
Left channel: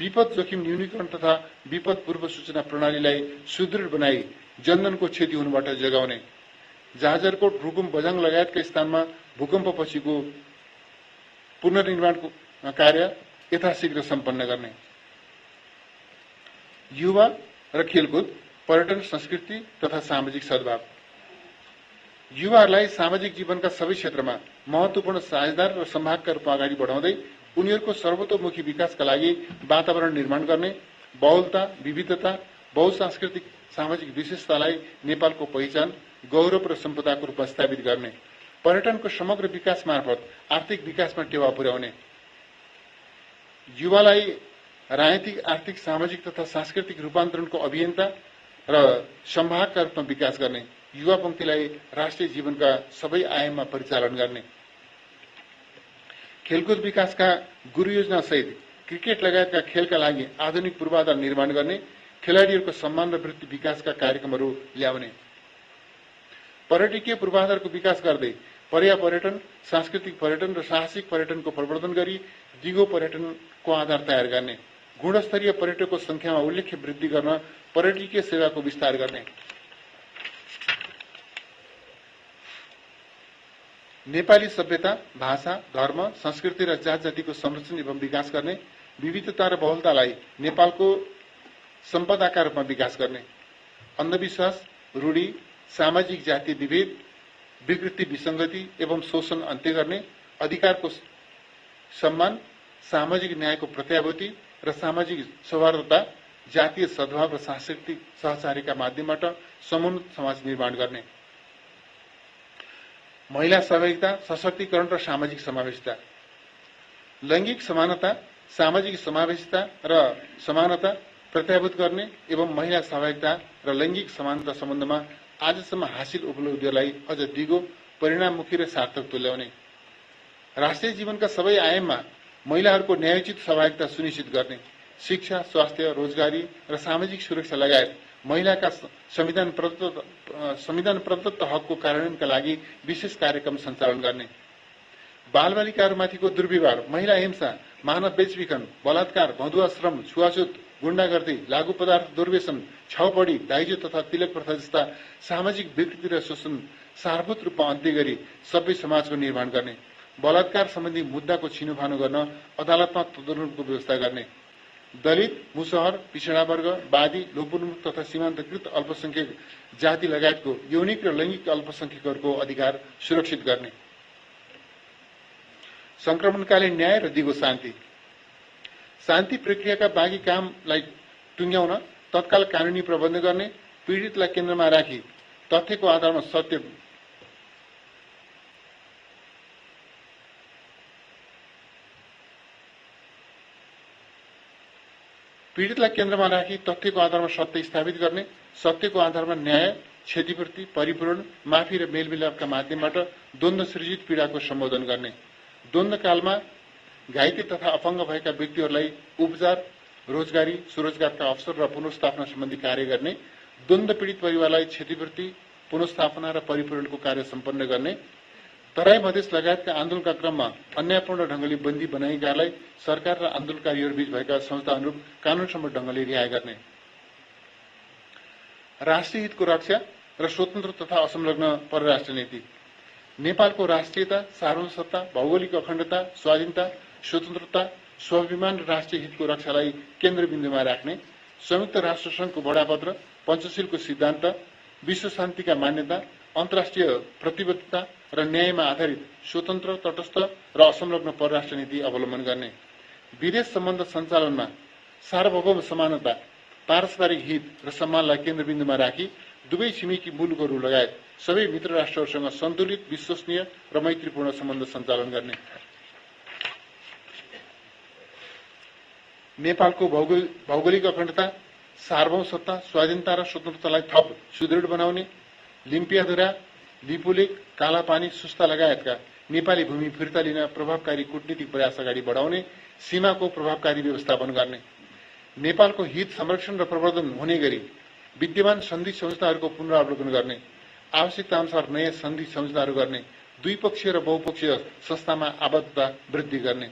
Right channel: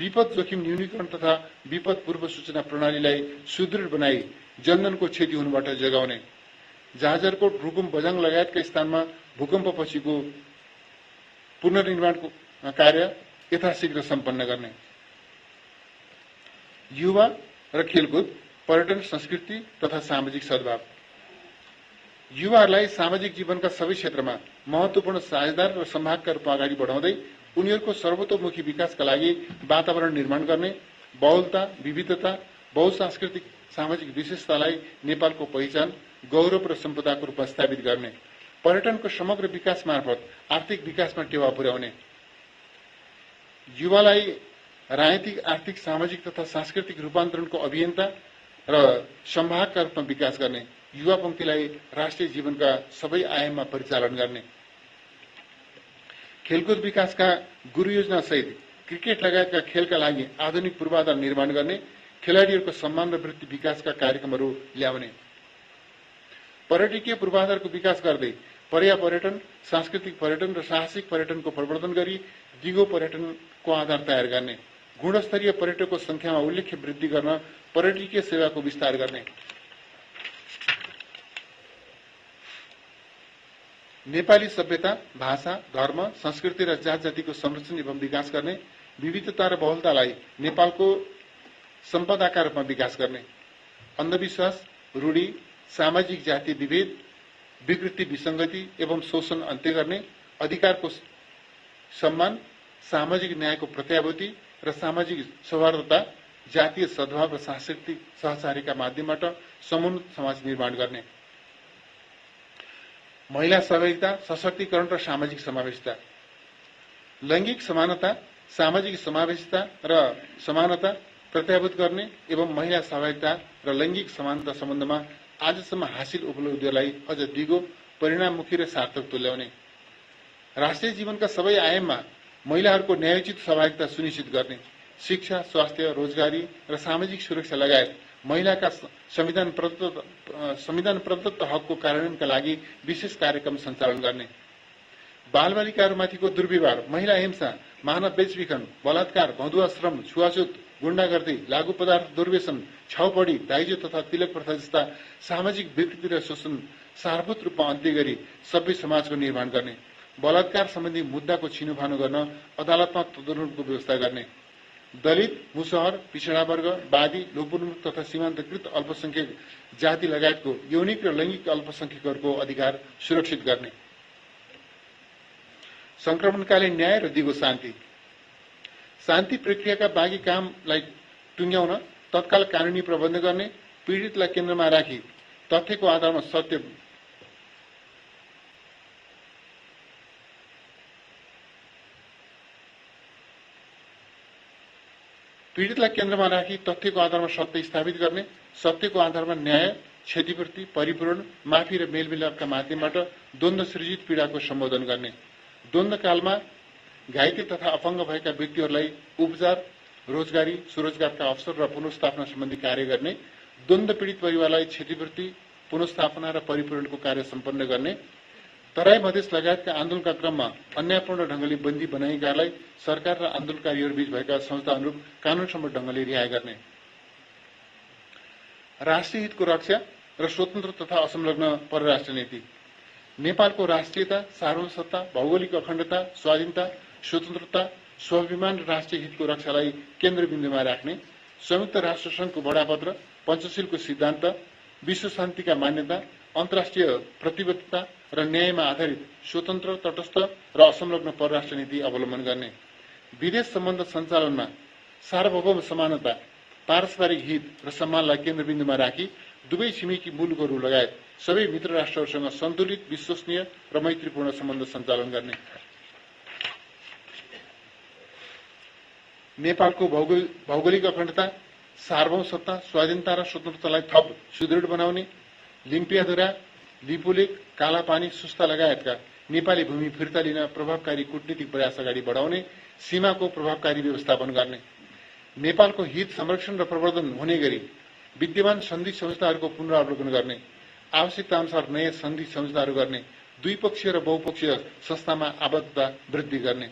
विपद जोखिम न्यूनीकरण तथा विपद पूर्व सूचना प्रणालीलाई सुदृढ बनाई जनधनको क्षति हुनबाट जगाउने, जाजरकोट, रुकुम, बझाङ लगायतका स्थानमा भूकम्पपछिको पुनर्निर्माणको कार्य यथाशीघ्र सम्पन्न गर्ने, युवा र खेलकुद, पर्यटन, संस्कृति तथा सामाजिक सद्भाव, युवाहरूलाई सामाजिक जीवनका सबै क्षेत्रमा महत्वपूर्ण साझेदार र संवादका रूपमा अगाडि बढाउँदै उनीहरूको सर्वतोमुखी विकासका लागि वातावरण निर्माण गर्ने, बहुलता, विविधता, बहुसांस्कृतिक सामाजिक विशेषतालाई नेपालको पहिचान, गौरव र सम्पदाको रूपमा स्थापित गर्ने, पर्यटनको समग्र विकास मार्फत आर्थिक विकासमा टेवा पुर्याउने, युवालाई राजनीतिक, आर्थिक, सामाजिक तथा सांस्कृतिक रूपान्तरणको अभियन्ता र संवाहकका रूपमा विकास गर्ने, युवा पंक्तिलाई राष्ट्रिय जीवनका सबै आयाममा परिचालन गर्ने, खेलकुद विकासका गुरु योजना सहित क्रिकेट लगायतका खेलका लागि आधुनिक पूर्वाधार निर्माण गर्ने, खेलाड़ीहरूको सम्मान र वृत्ति विकासका कार्यक्रमहरू ल्याउने, पर्यटकीय पूर्वाधारको विकास गर्दै पर्यापर्यटन, सांस्कृतिक पर्यटन र साहसिक पर्यटनको प्रवर्धन गरी दिगो पर्यटनको आधार तयार गर्ने, गुणस्तरीय पर्यटकको संख्यामा उल्लेख्य वृद्धि गर्न पर्यटकीय सेवाको विस्तार गर्ने, नेपाली सभ्यता, भाषा, धर्म, संस्कृति र जात जातिको संरक्षण एवं विकास गर्ने, विविधता र बहुलतालाई नेपालको सम्पदाका रूपमा विकास गर्ने, अन्धविश्वास, रूढी, सामाजिक जातीय विभेद, विकृति, विसंगति एवं शोषण अन्त्य गर्ने, अधिकारको सम्मान, सामाजिक न्यायको प्रत्याभूति र सामाजिक सौहार्दता, जातीय सद्भाव र सांस्कृतिक सहचारीका माध्यमबाट समुन्नत समाज निर्माण गर्ने, महिला सहभागिता, सशक्तिकरण र सामाजिक समावेशिता, लैंगिक समानता, सामाजिक समावेशिता र समानता प्रत्याभूत गर्ने एवं महिला सहभागिता र लैंगिक समानता सम्बन्धमा आजसम्म हासिल उपलब्धिलाई अझ दिगो, परिणाममुखी र सार्थक तुल्याउने, राष्ट्रिय जीवनका सबै आयाममा महिलाहरूको न्यायोचित सहभागिता सुनिश्चित गर्ने, शिक्षा, स्वास्थ्य, रोजगारी र सामाजिक सुरक्षा लगायत महिलाका संविधान प्रदत्त हकको कार्यान्वयनका लागि विशेष कार्यक्रम सञ्चालन गर्ने, बालबालिकाहरूमाथिको दुर्व्यवहार, महिला हिंसा, मानव बेचबिखन, बलात्कार, मधुवा श्रम, छुवाछुत, गुण्डागर्दी, लागू पदार्थ दुर्व्यसन, छाउपडी, दाइजो तथा तिलक प्रथा जस्ता सामाजिक विकृति र शोषण सारभूत रूपमा अन्त्य गरी सभ्य समाजको निर्माण गर्ने, बलात्कार सम्बन्धी मुद्दाको छिनोफानो गर्न अदालतमा तदनुरूपको व्यवस्था गर्ने, दलित, मुसहर, पिछड़ा वर्ग, वादी, लोपोन्मुख तथा सीमान्तकृत अल्पसंख्यक जाति लगायतको यौनिक र लैंगिक अल्पसंख्यकहरूको अधिकार सुरक्षित गर्ने, संक्रमणकालीन न्याय र दिगो शान्ति, शान्ति प्रक्रियाका बाँकी कामलाई टुङ्ग्याउन तत्काल कानूनी प्रबन्ध गर्ने, पीडितलाई केन्द्रमा राखी तथ्यको आधारमा सत्य स्थापित गर्ने, सत्यको आधारमा न्याय, क्षतिपूर्ति, परिपूरण, माफी र मेलमिलापका माध्यमबाट द्वन्द्व सृजित पीडाको सम्बोधन गर्ने, द्वन्द्वकालमा घाइते तथा अपाङ्ग भएका व्यक्तिहरूलाई उपचार, रोजगारी, स्वरोजगारका अवसर र पुनर्स्थापना सम्बन्धी कार्य गर्ने, द्वन्द्व पीडित परिवारलाई क्षतिपूर्ति, पुनर्स्थापना र परिपूरणको कार्य सम्पन्न गर्ने, तराई मधेस लगायतका आन्दोलनका क्रममा अन्यायपूर्ण ढंगले बन्दी बनाइएकालाई सरकार र आन्दोलनकारीहरूबीच भएका संस्था अनुरूप कानूनसम्म ढंगले रिहाई गर्ने, राष्ट्रिय हितको रक्षा र स्वतन्त्र तथा असंलग्न परराष्ट्र नीति, नेपालको राष्ट्रियता, सार्वभौमसत्ता, भौगोलिक अखण्डता, स्वाधीनता, स्वतन्त्रता, स्वाभिमान र राष्ट्रिय हितको रक्षालाई केन्द्रबिन्दुमा राख्ने, संयुक्त राष्ट्र संघको बडापत्र, पञ्चशीलको सिद्धान्त, विश्व शान्तिका मान्यता, अन्तर्राष्ट्रिय प्रतिबद्धता र न्यायमा आधारित स्वतन्त्र, तटस्थ र असंलग्न परराष्ट्र नीति अवलम्बन गर्ने, विदेश सम्बन्ध सञ्चालनमा सार्वभौम समानता, पारस्परिक हित र सम्मानलाई केन्द्रबिन्दुमा राखी दुवै छिमेकी मुलुकहरू लगायत सबै मित्र राष्ट्रहरूसँग सन्तुलित, विश्वसनीय र मैत्रीपूर्ण सम्बन्ध सञ्चालन गर्ने, नेपालको भौगोलिक अखण्डता, सार्वभौमसत्ता, स्वाधीनता र स्वतन्त्रतालाई थप सुदृढ बनाउने, लिम्पियाधुरा, लिपुलेक, कालापानी, सुस्ता लगायतका नेपाली भूमि फिर्ता लिन प्रभावकारी कूटनीतिक प्रयास अगाडि बढाउने, सीमाको प्रभावकारी व्यवस्थापन गर्ने, नेपालको हित संरक्षण र प्रवर्धन हुने गरी विद्यमान सन्धि सम्झौताहरूको पुनरावलोकन गर्ने, आवश्यकता अनुसार नयाँ सन्धि सम्झौताहरू गर्ने, द्विपक्षीय र बहुपक्षीय संस्थामा आबद्धता वृद्धि गर्ने,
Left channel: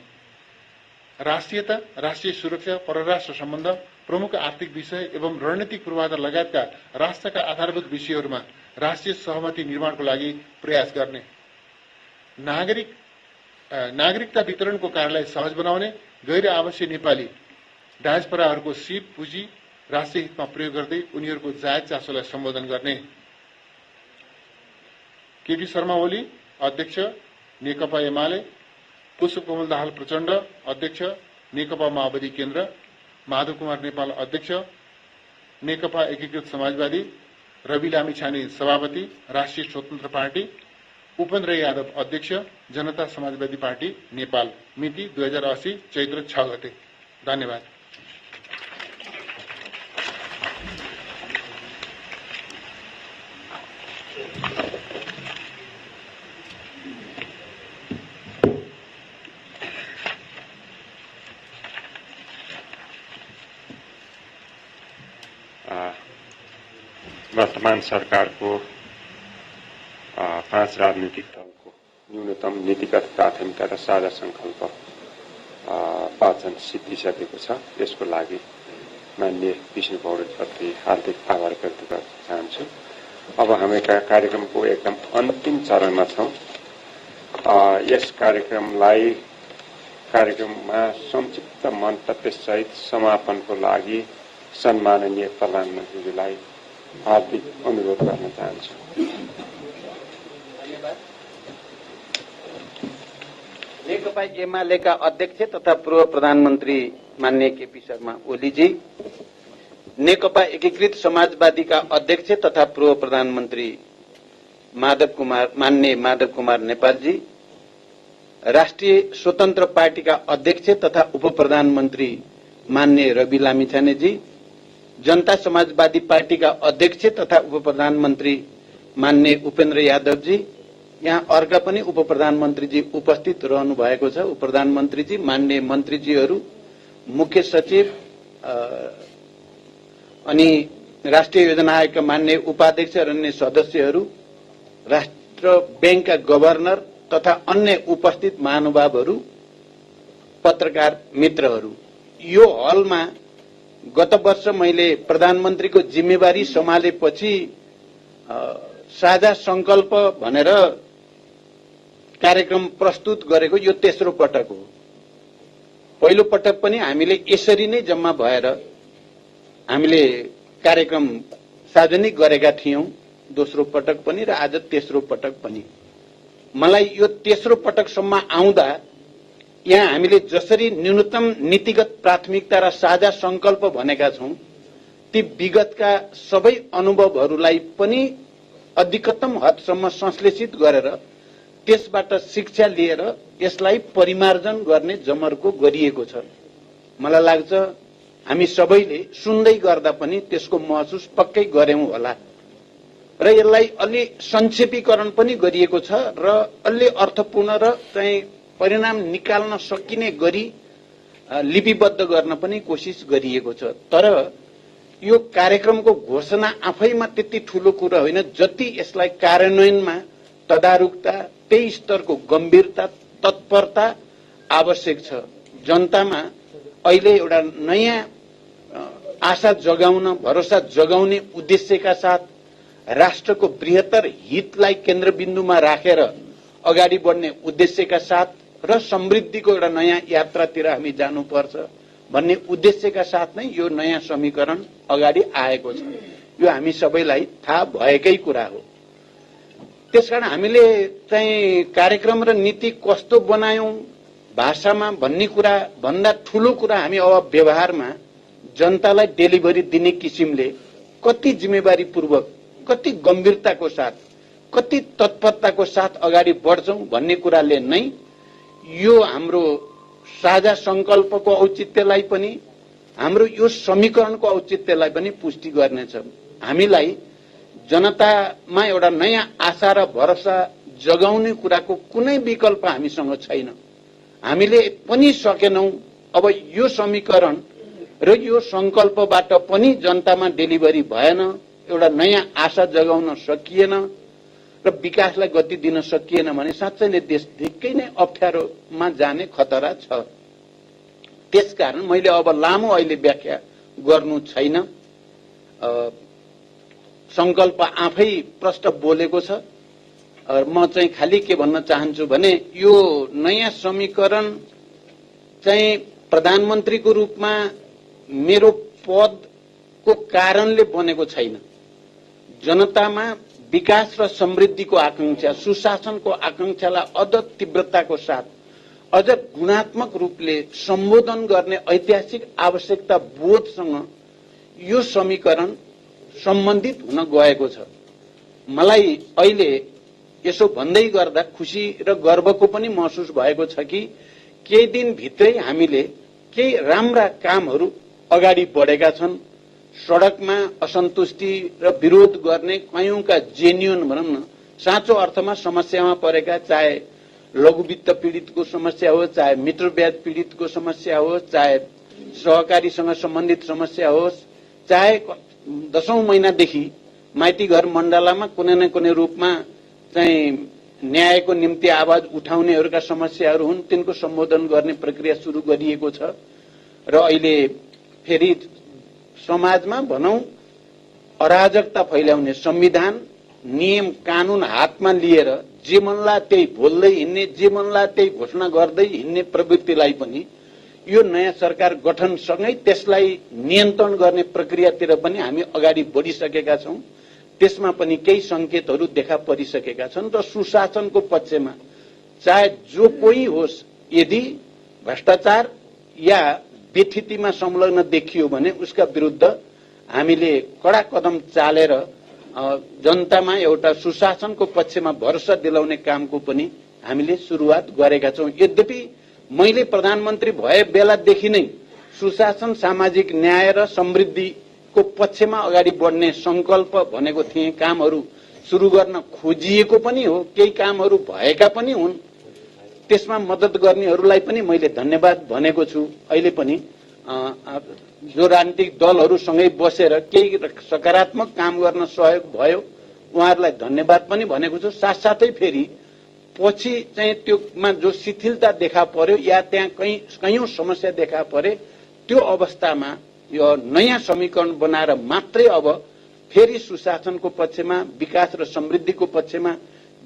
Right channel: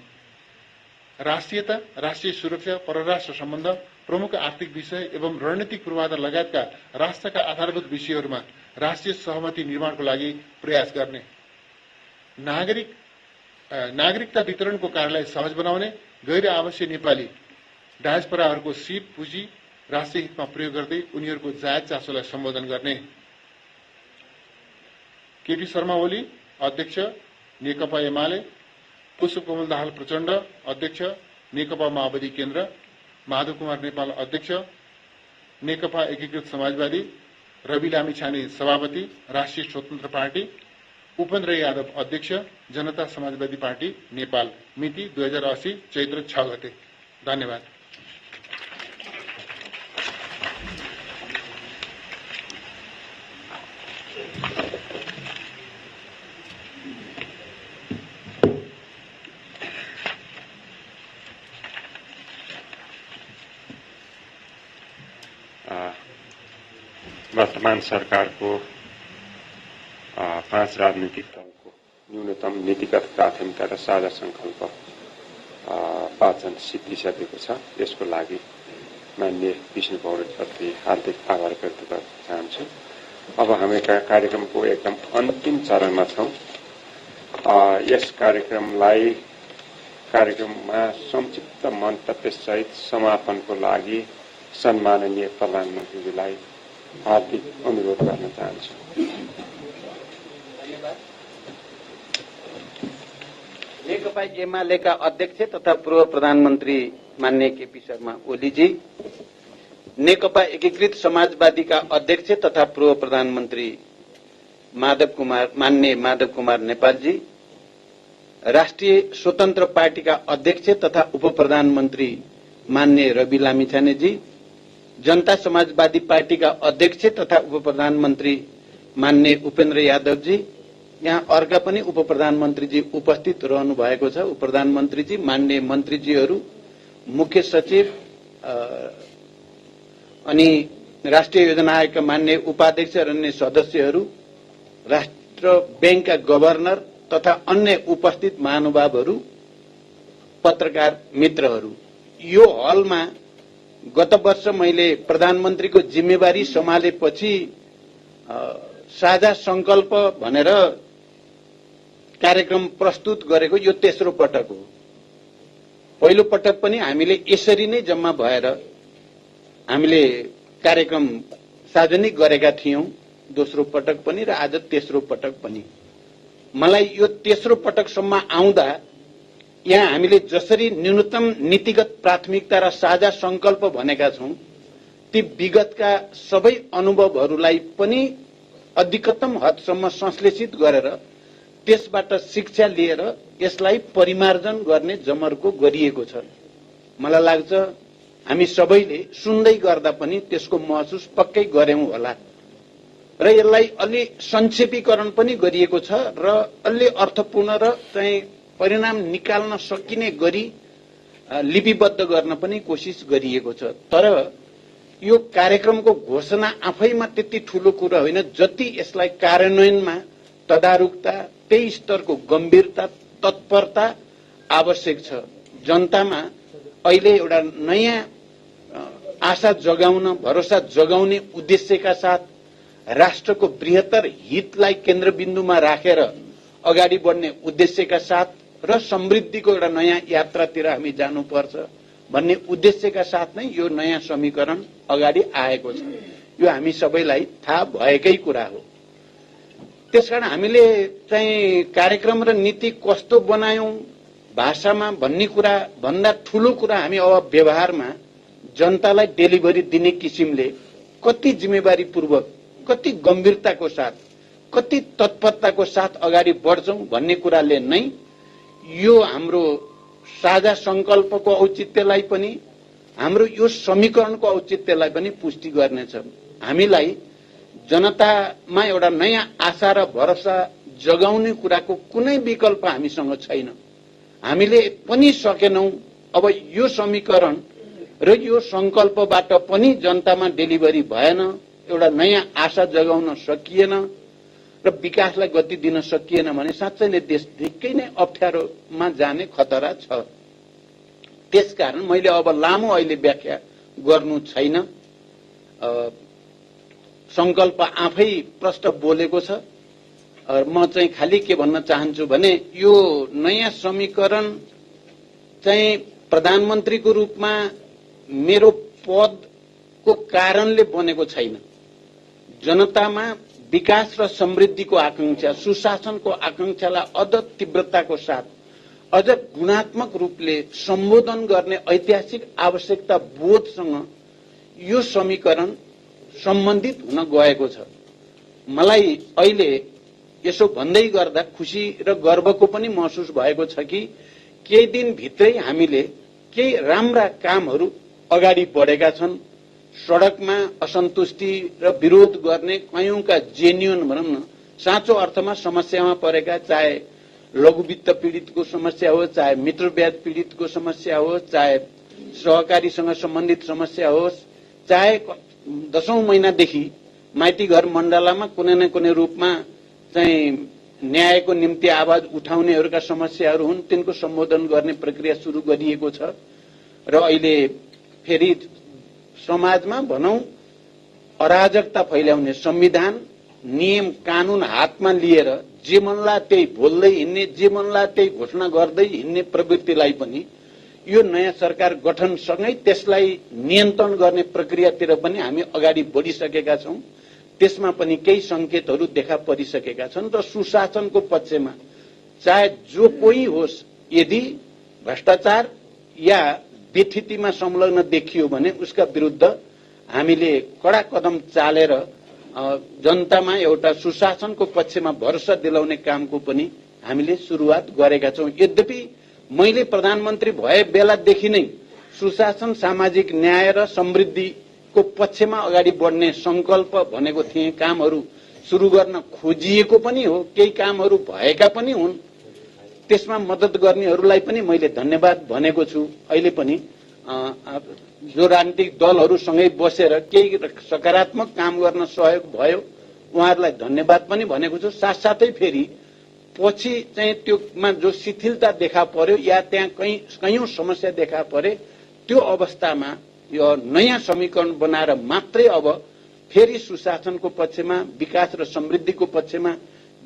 राष्ट्रियता, राष्ट्रिय सुरक्षा, परराष्ट्र सम्बन्ध, प्रमुख आर्थिक विषय एवं रणनीतिक पूर्वाधार लगायतका राष्ट्रका आधारभूत विषयहरूमा राष्ट्रिय सहमति निर्माणको लागि प्रयास गर्ने, नागरिकता वितरणको कार्यलाई सहज बनाउने, गैर आवश्यक नेपाली डायस्पोराहरूको सिप पुँजी राष्ट्रिय हितमा प्रयोग गर्दै उनीहरूको जायज चासोलाई सम्बोधन गर्ने, केपी शर्मा ओली अध्यक्ष नेकपा एमाले, पुष्पकमल दाहाल प्रचण्ड अध्यक्ष नेकपा माओवादी केन्द्र, माधव कुमार नेपाल अध्यक्ष नेकपा एकीकृत समाजवादी, रवि लामिछाने सभापति, राष्ट्रिय स्वतन्त्र पार्टी, उपेन्द्र यादव अध्यक्ष, जनता समाजवादी पार्टी नेपाल, मिति 2080 चैत्र 6 गते। धन्यवाद। वर्तमान सरकारको 5 राजनीतिक दलको न्यूनतम नीतिगत प्राथमिकता र साझा संकल्प वाचन सिद्धिसकेको छ। यसको लागि माननीय विष्णु पौडेलप्रति हार्दिक आभार व्यक्त गर्न चाहन्छु। अब हामी कार्यक्रमको एकदम अन्तिम चरणमा छौं। यस कार्यक्रममा संक्षिप्त मन्तव्य सहित समापनको लागि सम्माननीय प्रधानमन्त्रीलाई हार्दिक अनुरोध गर्न चाहन्छु। नेकपा एमालेका अध्यक्ष तथा पूर्व प्रधानमन्त्री माननीय केपी शर्मा ओलीजी, नेकपा एकीकृत समाजवादीका अध्यक्ष तथा पूर्व प्रधानमन्त्री माननीय माधव कुमार नेपालजी, राष्ट्रिय स्वतन्त्र पार्टीका अध्यक्ष तथा उप प्रधानमन्त्री माननीय रवि लामिछानेजी, जनता समाजवादी पार्टीका अध्यक्ष तथा उप प्रधानमन्त्री माननीय उपेन्द्र यादवजी, यहाँ अर्का पनि उप प्रधानमन्त्रीजी उपस्थित रहनु भएको छ। उप प्रधानमन्त्रीजी, माननीय मन्त्रीजीहरू, मुख्य सचिव अनि राष्ट्रिय योजना आयोगका माननीय उपाध्यक्ष र अन्य सदस्यहरू, राष्ट्र बैंकका गभर्नर तथा अन्य उपस्थित महानुभावहरू, पत्रकार मित्रहरू, यो हलमा गत वर्ष मैले प्रधानमन्त्रीको जिम्मेवारी सम्हालेपछि साझा संकल्प भनेर कार्यक्रम प्रस्तुत गरेको यो तेस्रो पटक हो। पहिलो पटक पनि हामीले यसरी नै जम्मा भएर हामीले कार्यक्रम सार्वजनिक गरेका थियौं, दोस्रो पटक पनि र आज तेस्रो पटक पनि। मलाई यो तेस्रो पटकसम्म आउँदा यहाँ हामीले जसरी न्यूनतम नीतिगत प्राथमिकता र साझा संकल्प भनेका छौं, ती विगतका सबै अनुभवहरूलाई पनि अधिकतम हदसम्म संश्लेषित गरेर त्यसबाट शिक्षा लिएर यसलाई परिमार्जन गर्ने जमर्को गरिएको छ। मलाई लाग्छ हामी सबैले सुन्दै गर्दा पनि त्यसको महसुस पक्कै गर्यौं होला र यसलाई अलि संक्षेपीकरण पनि गरिएको छ र अलि अर्थपूर्ण र चाहिँ परिणाम निकाल्न सकिने गरी लिपिबद्ध गर्न पनि कोसिस गरिएको छ। तर यो कार्यक्रमको घोषणा आफैमा त्यति ठूलो कुरा होइन, जति यसलाई कार्यान्वयनमा तदारुकता, त्यही स्तरको गम्भीरता, तत्परता आवश्यक छ। जनतामा अहिले एउटा नयाँ आशा जगाउन, भरोसा जगाउने उद्देश्यका साथ राष्ट्रको बृहत्तर हितलाई केन्द्रबिन्दुमा राखेर अगाडि बढ्ने उद्देश्यका साथ र समृद्धिको एउटा नयाँ यात्रातिर हामी जानुपर्छ भन्ने उद्देश्यका साथ नै यो नयाँ समीकरण अगाडि आएको छ। यो हामी सबैलाई थाहा भएकै कुरा हो। त्यसकारण हामीले चाहिँ कार्यक्रम र नीति कस्तो बनायौं भाषामा भन्ने कुरा भन्दा ठूलो कुरा हामी अब व्यवहारमा जनतालाई डेलिभरी दिने किसिमले कति जिम्मेवारीपूर्वक, कति गम्भीरताको साथ, कति तत्परताको साथ अगाडि बढ्छौं भन्ने कुराले नै यो हाम्रो साझा संकल्पको औचित्यलाई पनि, हाम्रो यो समीकरणको औचित्यलाई पनि पुष्टि गर्नेछ। हामीलाई जनतामा एउटा नयाँ आशा र भरोसा जगाउने कुराको कुनै विकल्प हामीसँग छैन। हामीले पनि सकेनौं। अब यो समीकरण र यो संकल्पबाट पनि जनतामा डेलिभरी भएन, एउटा नयाँ आशा जगाउन सकिएन र विकासलाई गति दिन सकिएन भने साँच्चैले देश निकै नै अप्ठ्यारोमा जाने खतरा छ। त्यसकारण मैले अब लामो अहिले व्याख्या गर्नु छैन। संकल्प आफै प्रष्ट बोलेको छ। म चाहिँ खाली के भन्न चाहन्छु भने यो नयाँ समीकरण चाहिँ प्रधानमन्त्रीको रूपमा मेरो पदको कारणले बनेको छैन। जनतामा विकास र समृद्धिको आकांक्षा, सुशासनको आकांक्षालाई अझ तीव्रताको साथ, अझ गुणात्मक रूपले सम्बोधन गर्ने ऐतिहासिक आवश्यकता बोधसँग यो समीकरण सम्बन्धित हुन गएको छ। मलाई अहिले यसो भन्दै गर्दा खुसी र गर्वको पनि महसुस भएको छ कि केही दिन भित्रै हामीले केही राम्रा कामहरू अगाडि बढेका छन्। सडकमा असन्तुष्टि र विरोध गर्ने कयौंका जेन्युन भनौं न साँचो अर्थमा समस्यामा परेका, चाहे लघुवित्त पीडितको समस्या होस्, चाहे मिटर ब्याज पीडितको समस्या होस्, चाहे सहकारीसँग सम्बन्धित समस्या होस्, चाहे 10औं महिनादेखि माइती घर मण्डलामा कुनै न कुनै रूपमा चाहिँ न्यायको निम्ति आवाज उठाउनेहरूका समस्याहरू हुन्, तिनको सम्बोधन गर्ने प्रक्रिया सुरु गरिएको छ। र अहिले फेरि समाजमा भनौं अराजकता फैलाउने, संविधान नियम कानून हातमा लिएर जे मनला त्यही बोल्दै हिँड्ने, जे मनला त्यही घोषणा गर्दै हिँड्ने प्रवृत्तिलाई पनि यो नयाँ सरकार गठनसँगै त्यसलाई नियन्त्रण गर्ने प्रक्रियातिर पनि हामी अगाडि बढिसकेका छौं। त्यसमा पनि केही संकेतहरू देखा परिसकेका छन् र सुशासनको पक्षमा चाहे जो कोही होस्, यदि भ्रष्टाचार या बेथितिमा संलग्न देखियो भने उसका विरुद्ध हामीले कडा कदम चालेर जनतामा एउटा सुशासनको पक्षमा भरोसा दिलाउने कामको पनि हामीले सुरुवात गरेका छौं। यद्यपि मैले प्रधानमन्त्री भए बेलादेखि नै सुशासन, सामाजिक न्याय र समृद्धिको पक्षमा अगाडि बढ्ने संकल्प भनेको थिए। कामहरू सुरु गर्न खोजिएको पनि हो, केही कामहरू भएका पनि हुन्। त्यसमा मद्दत गर्नेहरूलाई पनि मैले धन्यवाद भनेको छु। अहिले पनि जो राजनीतिक दलहरूसँगै बसेर केही सकारात्मक काम गर्न सहयोग भयो, उहाँहरूलाई धन्यवाद पनि भनेको छु। साथसाथै फेरि पछि चाहिँ त्योमा जो शिथिलता देखा पर्यो या त्यहाँ कयौं समस्या देखा परे, त्यो अवस्थामा यो नयाँ समीकरण बनाएर मात्रै अब फेरि सुशासनको पक्षमा, विकास र समृद्धिको पक्षमा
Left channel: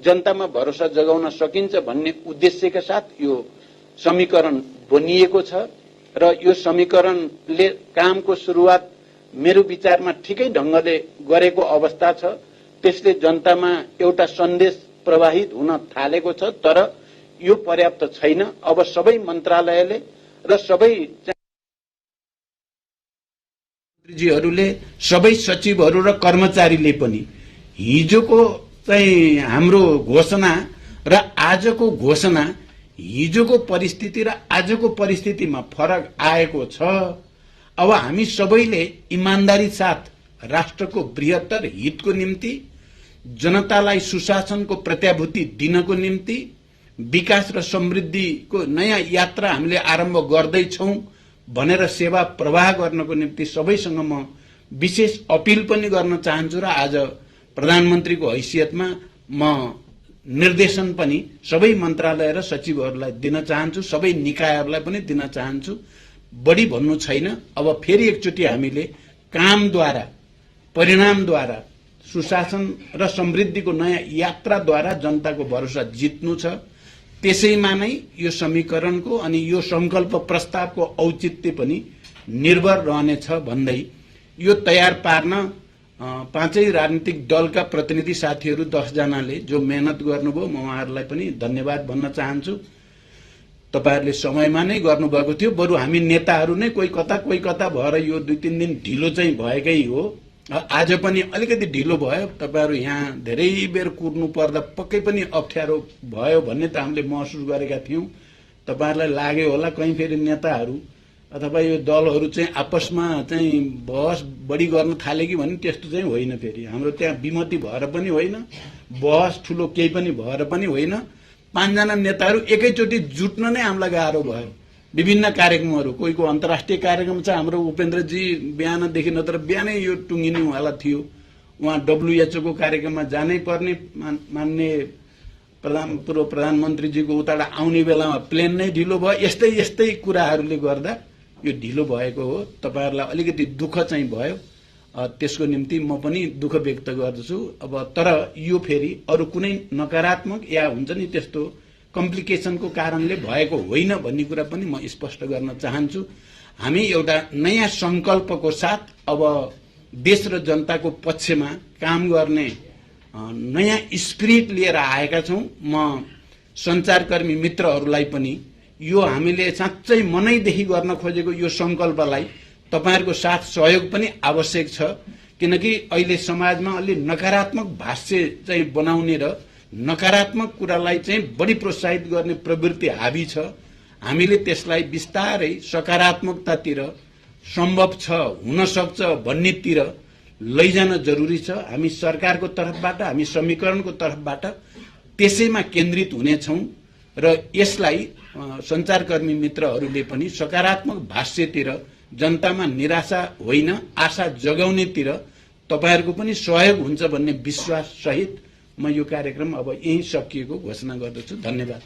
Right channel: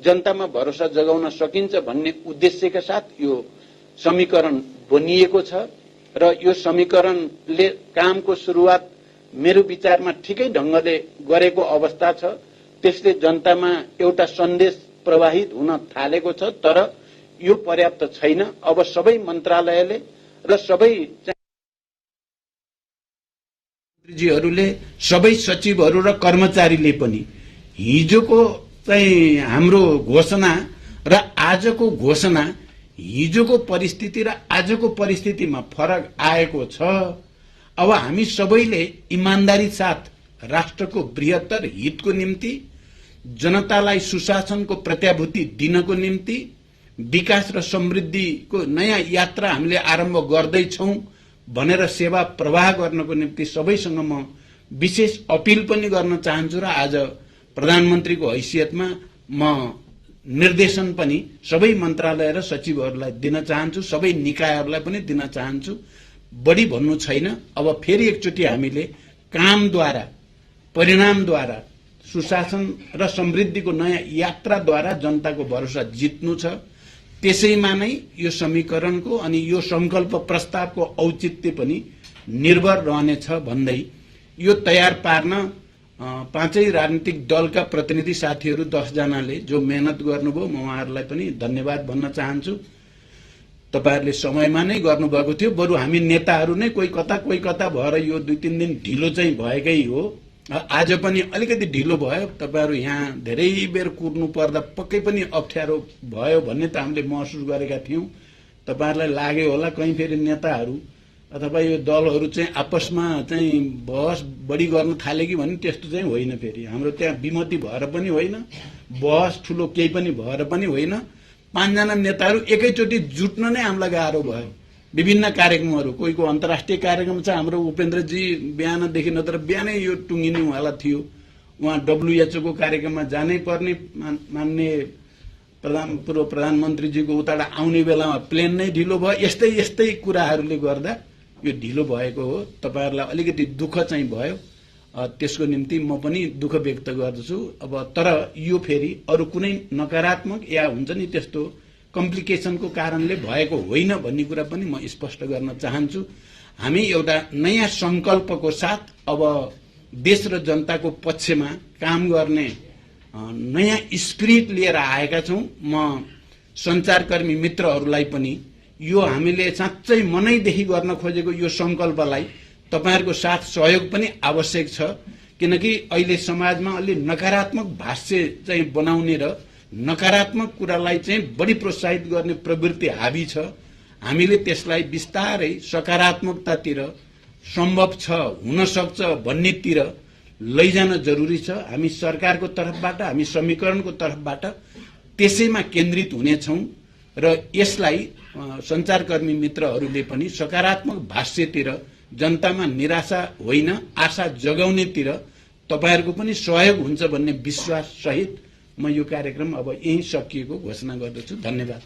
जनतामा भरोसा जगाउन सकिन्छ भन्ने उद्देश्यका साथ यो समीकरण बनिएको छ। र यो समीकरणले कामको सुरुवात मेरो विचारमा ठिकै ढंगले गरेको अवस्था छ। त्यसले जनतामा एउटा सन्देश प्रवाहित हुन थालेको छ, तर यो पर्याप्त छैन। अब सबै मन्त्रालयले र सबै मन्त्रीजीहरूले, सबै सचिवहरू र कर्मचारीले पनि हिजोको चाहिँ हाम्रो घोषणा र आजको घोषणा, हिजोको परिस्थिति र आजको परिस्थितिमा फरक आएको छ। अब हामी सबैले इमानदारी साथ राष्ट्रको बृहत्तर हितको निम्ति, जनतालाई सुशासनको प्रत्याभूति दिनको निम्ति, विकास र समृद्धिको नयाँ यात्रा हामीले आरम्भ गर्दैछौं भनेर सेवा प्रवाह गर्नको निम्ति सबैसँग म विशेष अपील पनि गर्न चाहन्छु र आज प्रधानमन्त्रीको हैसियतमा म निर्देशन पनि सबै मन्त्रालय र सचिवहरूलाई दिन चाहन्छु, सबै निकायहरूलाई पनि दिन चाहन्छु। बढी भन्नु छैन। अब फेरि एकचोटि हामीले कामद्वारा, परिणामद्वारा, सुशासन र समृद्धिको नयाँ यात्राद्वारा जनताको भरोसा जित्नु छ। त्यसैमा नै यो समीकरणको अनि यो संकल्प प्रस्तावको औचित्य पनि निर्भर रहनेछ भन्दै यो तयार पार्न पाँचै राजनीतिक दलका प्रतिनिधि साथीहरू 10 जनाले जो मेहनत गर्नुभयो, म उहाँहरूलाई पनि धन्यवाद भन्न चाहन्छु। तपाईहरुले समयमा नै गर्नुभएको थियो। बरु हामी नेताहरू नै कोही कता भएर यो 2-3 दिन ढिलो चाहिँ भएकै हो। आज पनि अलिकति ढिलो भयो। तपाईहरु यहाँ धेरै बेर कुर्नु पर्दा पक्कै पनि अप्ठ्यारो भयो भन्ने त हामीले महसुस गरेका थियौं। तपाईहरुलाई लाग्यो होला कहीं फेरि नेताहरू अथवा यो दलहरू चाहिँ आपसमा चाहिँ बहस बढी गर्न थाले कि भन्ने त्यस्तो चाहिँ होइन। फेरि हाम्रो त्यहाँ विमति भएर पनि होइन, बहस ठूलो केही पनि भएर पनि होइन। 5 जना नेताहरू एकैचोटी जुट्न नै हामीलाई गाह्रो भयो। विभिन्न कार्यक्रमहरू, कोहीको अन्तर्राष्ट्रिय कार्यक्रम छ, हाम्रो उपेन्द्रजी बिहानदेखि नत्र बिहानै यो टुङ्गिने उहाँलाई थियो। उहाँ WHO को कार्यक्रममा जानै पर्ने, मान्य पूर्व प्रधानमन्त्रीजीको उताबाट आउने बेलामा प्लेन नै ढिलो भयो। यस्तै कुराहरूले गर्दा यो ढिलो भएको हो। तपाईहरुलाई अलिकति दुःख चाहिँ भयो, त्यसको निम्ति म पनि दुःख व्यक्त गर्दछु। अब तर यो फेरि अरु कुनै नकारात्मक या हुन्छ नि त्यस्तो कम्प्लिकेसनको कारणले भएको होइन भन्ने कुरा पनि म स्पष्ट गर्न चाहन्छु। हामी एउटा नयाँ संकल्पको साथ अब देश र जनताको पक्षमा काम गर्ने नयाँ स्पिरिट लिएर आएका छौं। म सञ्चारकर्मी मित्रहरूलाई पनि यो हामीले साँच्चै मनैदेखि गर्न खोजेको यो संकल्पलाई तपाईहरुको साथ सहयोग पनि आवश्यक छ, किनकि अहिले समाजमा अलि नकारात्मक भाष्य चाहिँ बनाउने र नकारात्मक कुरालाई चाहिँ बढी प्रोत्साहित गर्ने प्रवृत्ति हावी छ। हामीले त्यसलाई बिस्तारै सकारात्मकतातिर सम्भव छ, हुन सक्छ भन्नेतिर लैजान जरुरी छ। हामी सरकारको तर्फबाट, हामी समीकरणको तर्फबाट त्यसैमा केन्द्रित हुनेछौं र यसलाई सञ्चारकर्मी मित्रहरूले पनि सकारात्मक भाष्यतिर, जनतामा निराशा होइन आशा जगाउनेतिर तपाईहरुको पनि सहयोग हुन्छ भन्ने विश्वास सहित म यो कार्यक्रम अब यही सकिएको घोषणा गर्दछु। धन्यवाद।